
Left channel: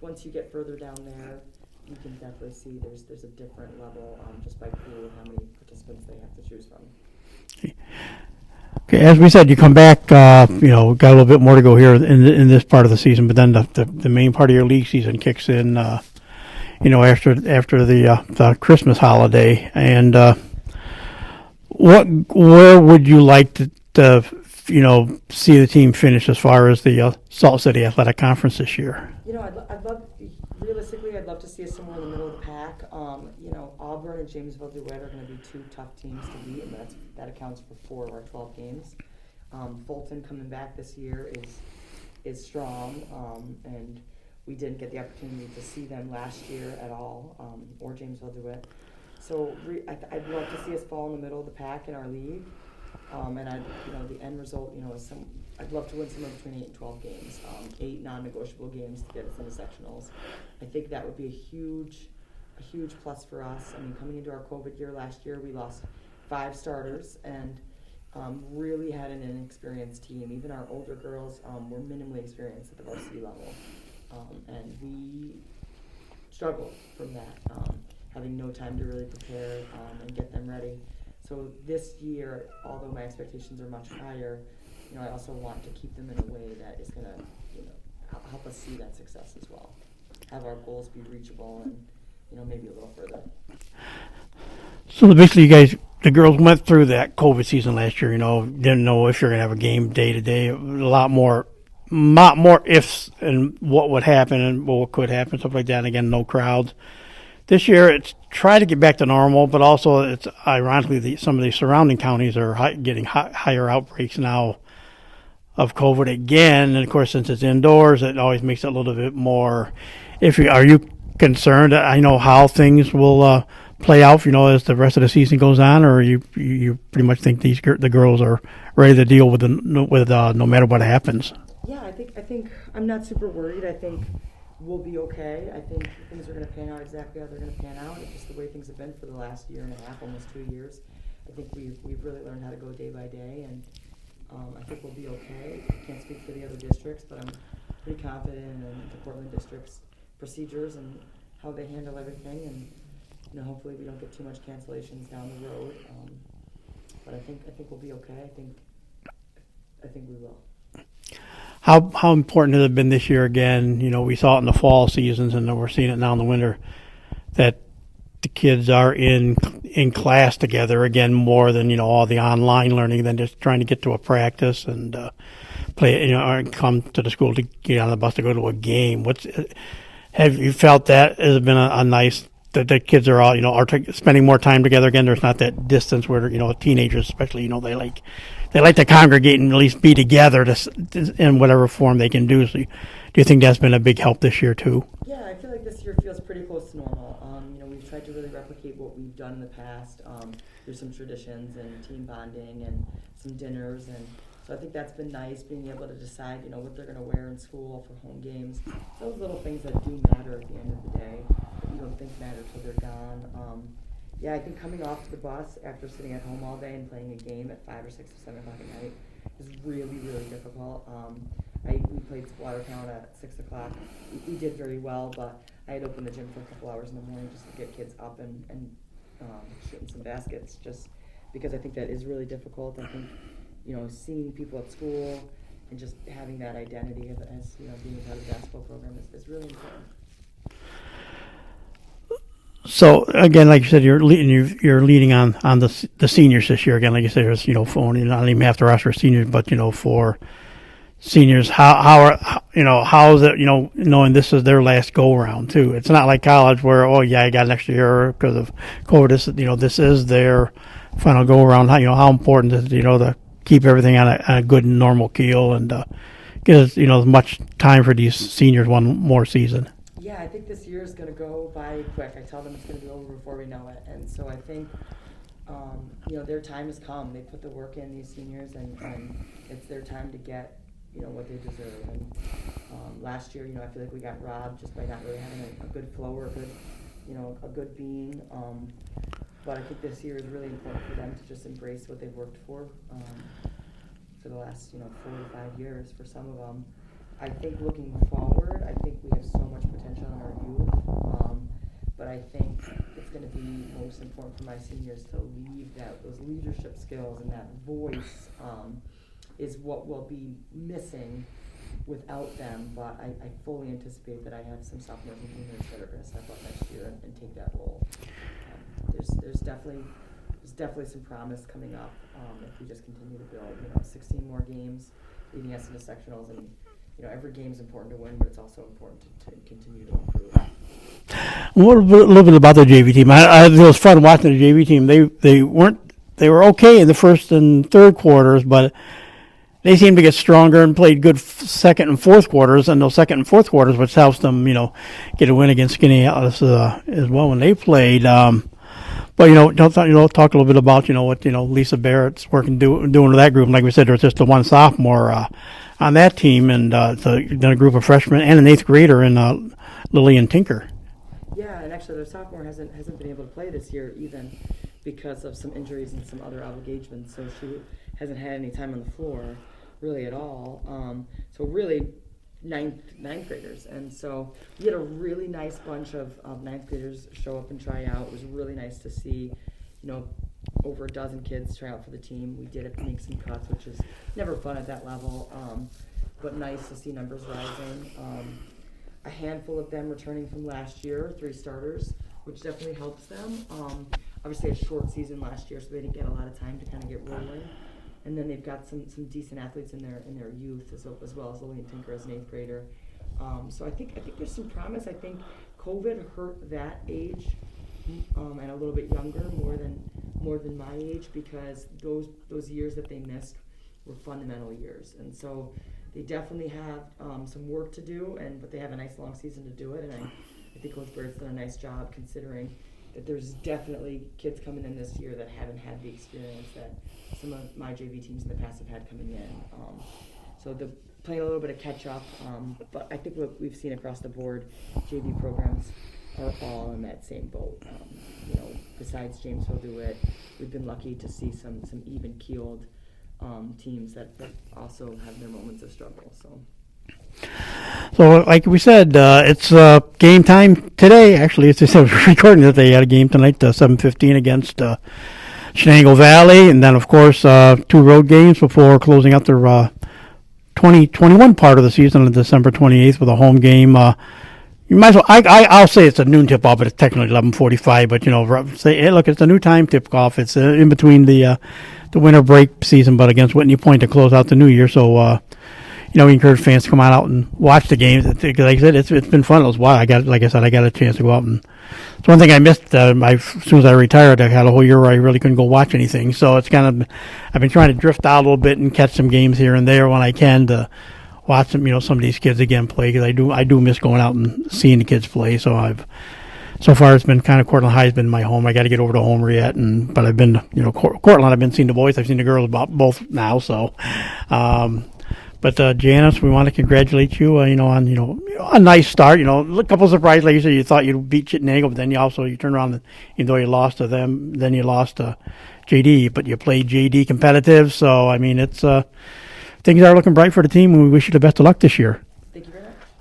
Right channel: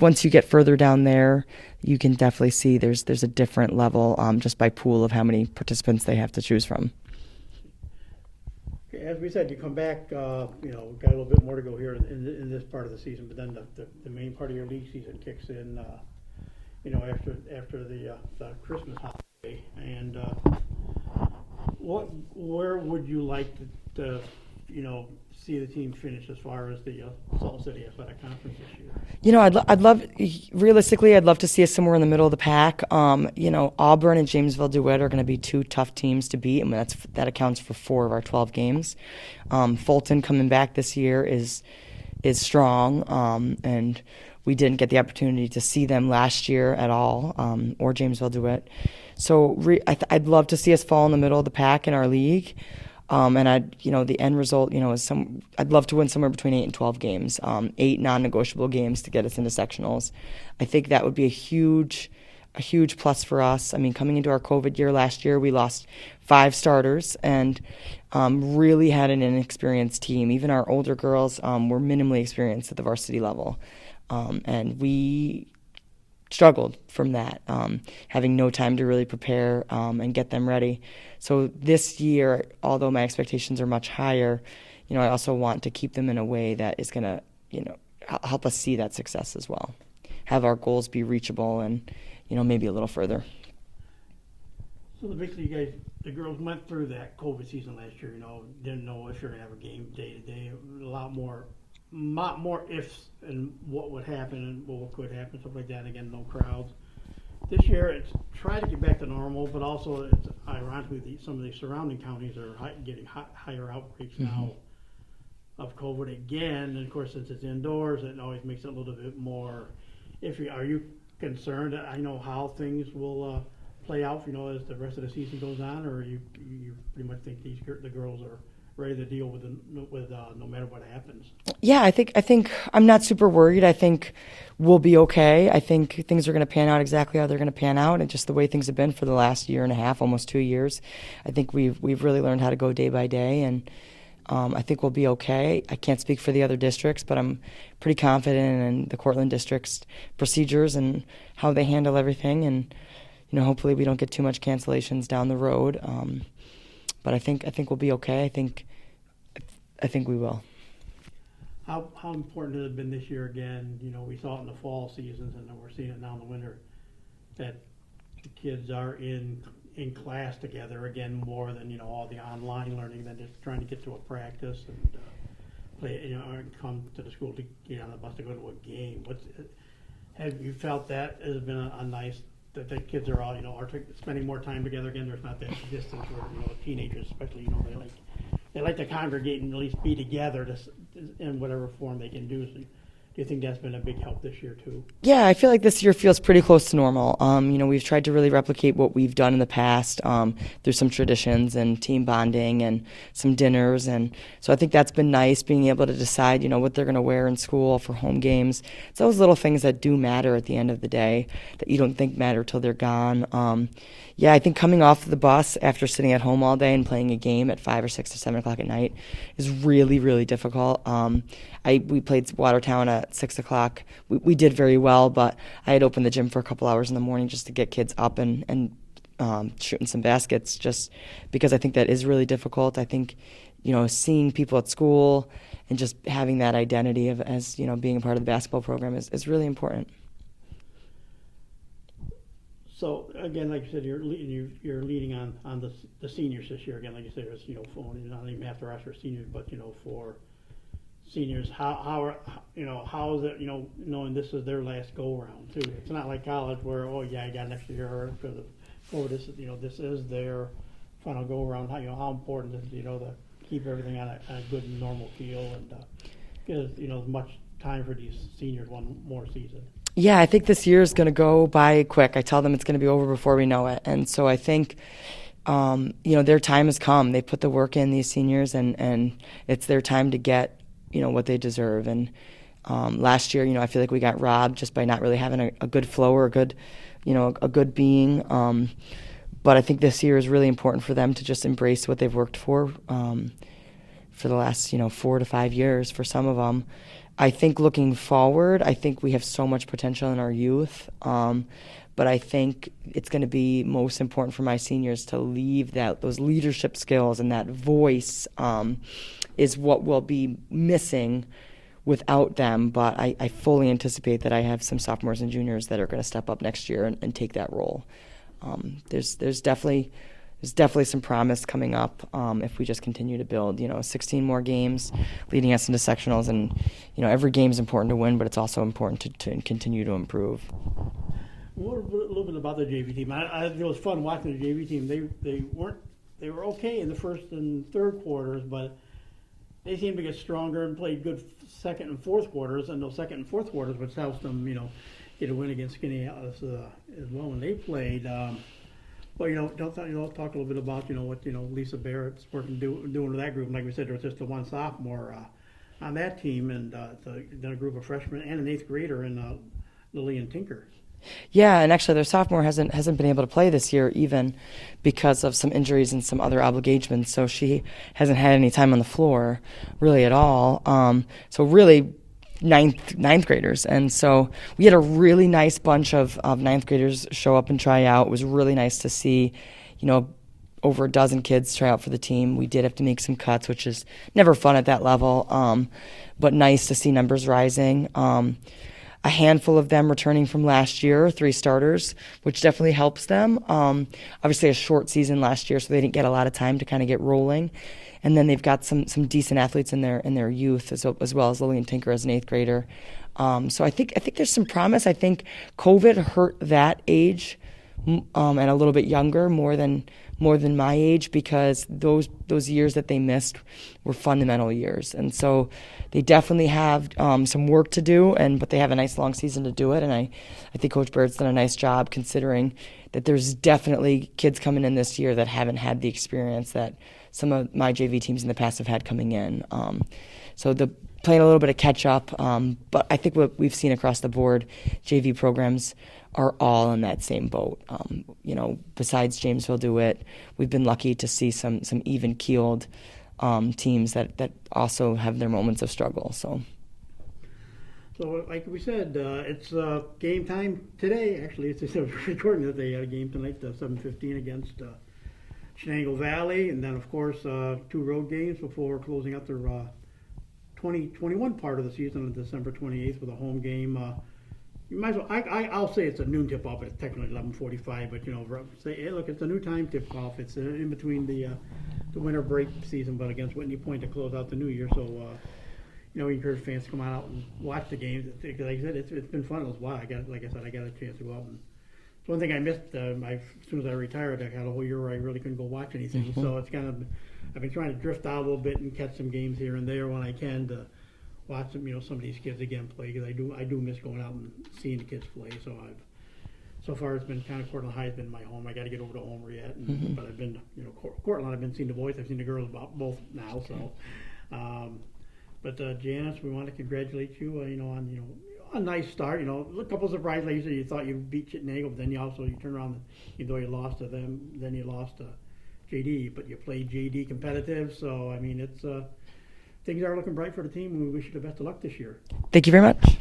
once you get further down there, you can definitely see there's a different level just by pool of how many participants they have to choose from. Okay, as we said, you come back, got a little bit more to go here in this part of the season, but then the main part of your league season kicks in, after the Christmas holiday. And where would you like to see the team finish as far as the Salt City Athletic Conference this year? I'd love, realistically, I'd love to see us somewhere in the middle of the pack. Auburn and Jamesville DeWitt are going to be 2 tough teams to beat, and that accounts for 4 of our 12 games. Fulton coming back this year is strong, and we didn't get the opportunity to see them last year at all, or Jamesville DeWitt. So I'd love to see us fall in the middle of the pack in our league. And the end result, is I'd love to win somewhere between 8 and 12 games, 8 non-negotiable games to get us into sectionals. I think that would be a huge plus for us. I mean, coming into our COVID year last year, we lost 5 starters and really had an inexperienced team. Even our older girls were minimally experienced at the varsity level, and we struggled from that, having no time to really prepare and get them ready. So this year, although my expectations are much higher, I also want to keep them in a way that is going to, help us see that success as well. Have our goals be reachable and, maybe a little further. So basically, the girls went through that COVID season last year, didn't know if you're going to have a game day to day, a lot more ifs and what would happen and what could happen, stuff like that. And again, no crowds. This year, it's try to get back to normal, but also it's ironically some of the surrounding counties are getting higher outbreaks now of COVID again. And of course, since it's indoors, it always makes it a little bit more Are you concerned? I know how things will play out, as the rest of the season goes on, or you pretty much think the girls are ready to deal with no matter what happens. Yeah, I think I'm not super worried. I think we'll be okay. I think things are going to pan out exactly how they're going to pan out, and just the way things have been for the last year and a half, almost 2 years. I think we've really learned how to go day by day, and I think we'll be okay. I can't speak for the other districts, but I'm pretty confident in the Cortland district's procedures and how they handle everything, and hopefully we don't get too much cancellations down the road. But I think we'll be okay. I think we will. How important has it been this year again? We saw it in the fall seasons, and we're seeing it now in the winter, that the kids are in class together again more than all the online learning, than just trying to get to a practice and play, or come to the school to get on the bus to go to a game. Have you felt that has been a nice, that the kids are all are spending more time together again? There's not that distance where teenagers especially they like to congregate and at least be together in whatever form they can do. So do you think that's been a big help this year too? Yeah, I feel like this year feels pretty close to normal. We've tried to really replicate what we've done in the past through some traditions and team bonding and some dinners, and so I think that's been nice, being able to decide what they're going to wear in school for home games. It's those little things that do matter at the end of the day that you don't think matter till they're gone. Yeah, I think coming off the bus after sitting at home all day and playing a game at 5 or 6 or 7 o'clock at night is really, really difficult. We played Watertown at 6 o'clock. We did very well, but I had opened the gym for a couple hours in the morning just to get kids up and shooting some baskets, just because I think that is really difficult. I think, seeing people at school and just having that identity as being a part of the basketball program is really important. So again, like you said, you're leading on the seniors this year. Again, like you said, there's for not even half the roster of seniors, but for seniors, how is it knowing this is their last go around too? It's not like college where I got an extra year because of COVID. This is their final go around. How important is it to keep everything on a good normal keel and get as much time for these seniors one more season. Yeah, I think this year is going to go by quick. I tell them it's going to be over before we know it. And so I think, their time has come. They put the work in, these seniors, and it's their time to get, what they deserve. And last year, I feel like we got robbed just by not really having a good flow or a good being. But I think this year is really important for them to just embrace what they've worked for the last, 4 to 5 years for some of them. I think looking forward, I think we have so much potential in our youth, but I think it's going to be most important for my seniors to leave those leadership skills, and that voice is what we'll be missing without them. But I fully anticipate that I have some sophomores and juniors that are going to step up next year and take that role. There's definitely some promise coming up if we just continue to build. 16 more games leading us into sectionals, and every game is important to win, but it's also important to continue to improve. What a little bit about the JV team. It was fun watching the JV team. They were okay in the first and third quarters, but they seemed to get stronger and played good second and fourth quarters, and those second and fourth quarters, which helps them get a win against Skinny Atlas as well when they played. But talk a little bit about what Lisa Barrett's doing with that group. And like we said, there's just the one sophomore on that team, and then a group of freshmen and an eighth grader in Lillian Tinker. Yeah, and actually their sophomore hasn't been able to play this year, even because of some injuries and some other obligations. So she hasn't had any time on the floor really at all. So really ninth graders, and so we had a really nice bunch of ninth graders show up and try out. It was really nice to see over a dozen kids try out for the team. We did have to make some cuts, which is never fun at that level, but nice to see numbers rising. A handful of them returning from last year, 3 starters, which definitely helps them. Obviously a short season last year, so they didn't get a lot of time to kind of get rolling. And then they've got some decent athletes in their youth, as well as Lillian Tinker as an 8th grader. So I think there's some promise. I think COVID hurt that age and a little bit younger, more than my age, because those years that they missed were fundamental years. And so they definitely have some work to do, but they have a nice long season to do it. And I think Coach Bird's done a nice job, considering that there's definitely kids coming in this year that haven't had the experience that some of my JV teams in the past have had coming in. So the playing a little bit of catch up, but I think what we've seen across the board, JV programs are all in that same boat. Besides Jamesville do it, we've been lucky to see some even keeled teams that also have their moments of struggle. So like we said, it's game time today. Actually, it's recording that they had a game tonight, 7:15 against Shenango Valley, and then of course 2 road games before closing out their 2021 part of the season on December 28th with a home game. You might as well. I'll say it's a noon tip off, but it's technically 11:45. But say, hey, look, it's a new time tip off. It's in between the winter break season, but against Whitney Point to close out the new year. So we encourage fans to come out and watch the games. Like I said, it's been fun. It was wild. I got a chance to go out, and it's one thing I missed. As soon as I retired, I had a whole year where I really couldn't go watch anything. So it's kind of, I've been trying to drift out a little bit and catch some games here and there when I can to watch some, some of these kids again play, because I do miss going out and seeing the kids play. So so far it's been kind of, Cortland High has been my home. I got to get over to Homer yet, but I've been, Cortland, I've been seeing the boys, I've seen the girls about both now. So, but Janice, we want to congratulate you, on a nice start. A couple surprises, like you said, you thought you'd beat Chittenden, but then you turned around, and even though you lost to them, then you lost to JD, but you played JD competitive. So it's things are looking bright for the team, and we wish you the best of luck this year. Thank you very much.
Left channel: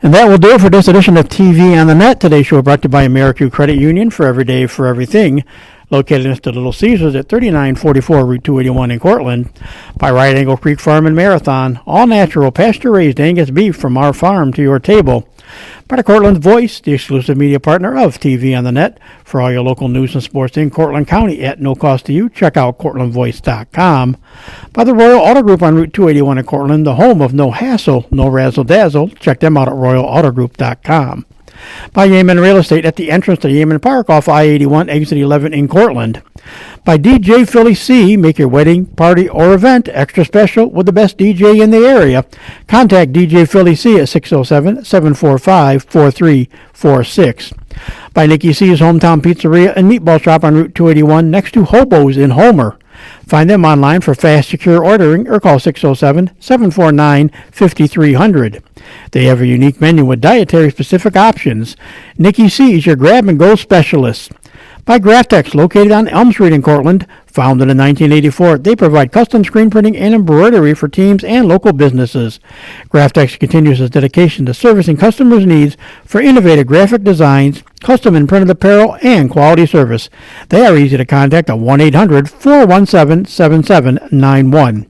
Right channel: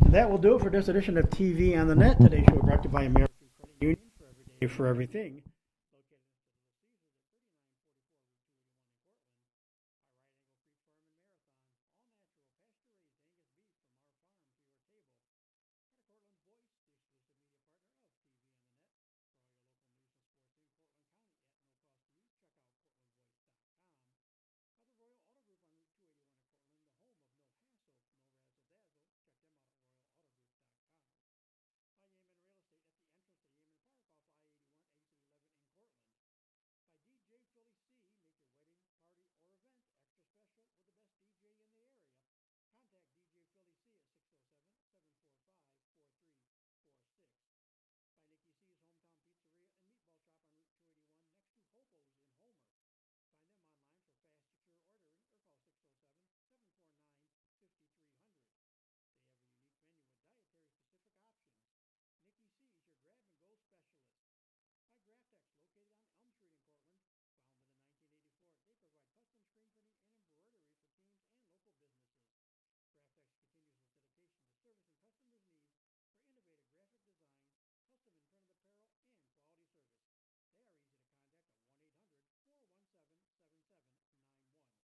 And that will do it for this edition of TV on the Net. Today's show brought to you by AmeriQ Credit Union, for every day, for everything. Located next to Little Caesars at 3944 Route 281 in Cortland. By Right Angle Creek Farm and Marathon, all natural, pasture-raised Angus beef from our farm to your table. By the Cortland Voice, the exclusive media partner of TV on the Net. For all your local news and sports in Cortland County at no cost to you, check out CortlandVoice.com. By the Royal Auto Group on Route 281 in Cortland, the home of no hassle, no razzle-dazzle. Check them out at RoyalAutoGroup.com. By Yeaman Real Estate at the entrance to Yeaman Park off I-81, exit 11 in Cortland. By DJ Philly C, make your wedding, party, or event extra special with the best DJ in the area. Contact DJ Philly C at 607-745-4346. By Nikki C's Hometown Pizzeria and Meatball Shop on Route 281 next to Hobo's in Homer. Find them online for fast, secure ordering or call 607-749-5300. They have a unique menu with dietary-specific options. Nikki C is your grab-and-go specialist. By Graftex, located on Elm Street in Cortland. Founded in 1984, they provide custom screen printing and embroidery for teams and local businesses. Graftex continues its dedication to servicing customers' needs for innovative graphic designs, custom and printed apparel, and quality service. They are easy to contact at 1-800-417-7791.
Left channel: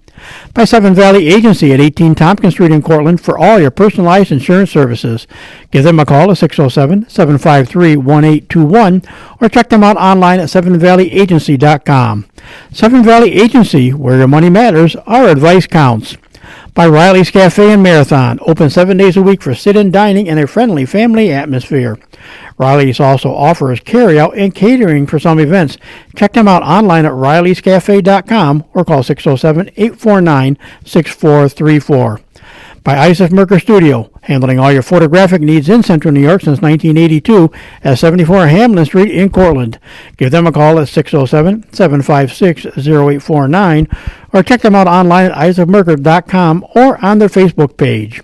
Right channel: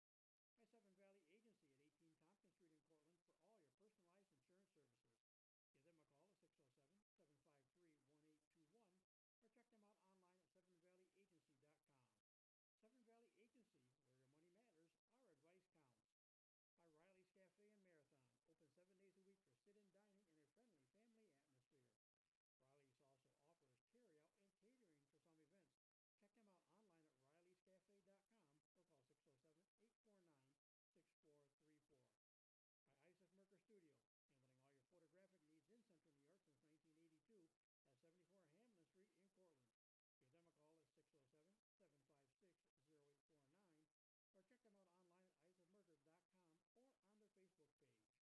By Seven Valley Agency at 18 Tompkins Street in Cortland for all your personalized insurance services. Give them a call at 607-753-1821 or check them out online at sevenvalleyagency.com. Seven Valley Agency, where your money matters, our advice counts. By Riley's Cafe and Marathon, open 7 days a week for sit-in dining and a friendly family atmosphere. Riley's also offers carry-out and catering for some events. Check them out online at rileyscafe.com or call 607-849-6434. By Isaac Merker Studio, handling all your photographic needs in Central New York since 1982 at 74 Hamlin Street in Cortland. Give them a call at 607-756-0849 or check them out online at isaacmerker.com or on their Facebook page.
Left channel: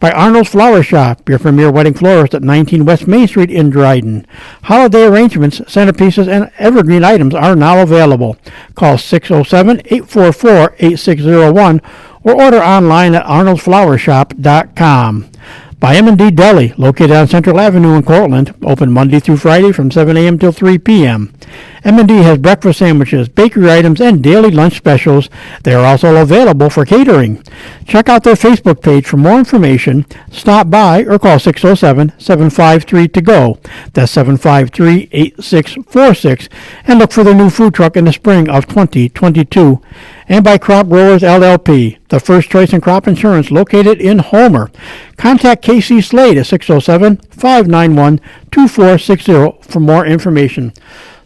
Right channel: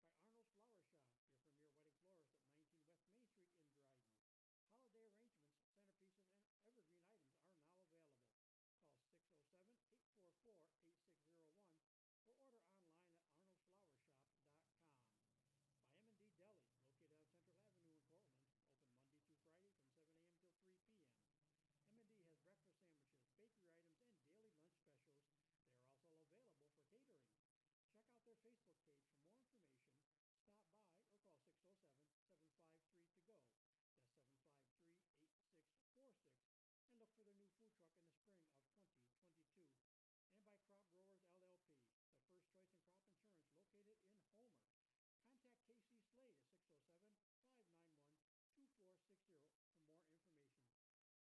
By Arnold's Flower Shop, your premier wedding florist at 19 West Main Street in Dryden. Holiday arrangements, centerpieces, and evergreen items are now available. Call 607-844-8601 or order online at arnoldsflowershop.com. By M&D Deli, located on Central Avenue in Cortland, open Monday through Friday from 7 a.m. till 3 p.m. M&D has breakfast sandwiches, bakery items, and daily lunch specials. They are also available for catering. Check out their Facebook page for more information. Stop by or call 607-753-TO-GO. That's 753-8646. And look for their new food truck in the spring of 2022. And by Crop Growers LLP, the first choice in crop insurance located in Homer. Contact KC Slade at 607-591-2460 for more information.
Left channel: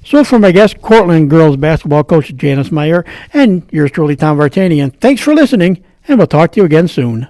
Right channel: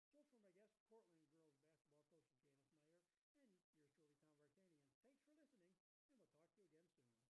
So for my guest, Cortland girls basketball coach Janice Meyer, and yours truly, Tom Vartanian, thanks for listening, and we'll talk to you again soon.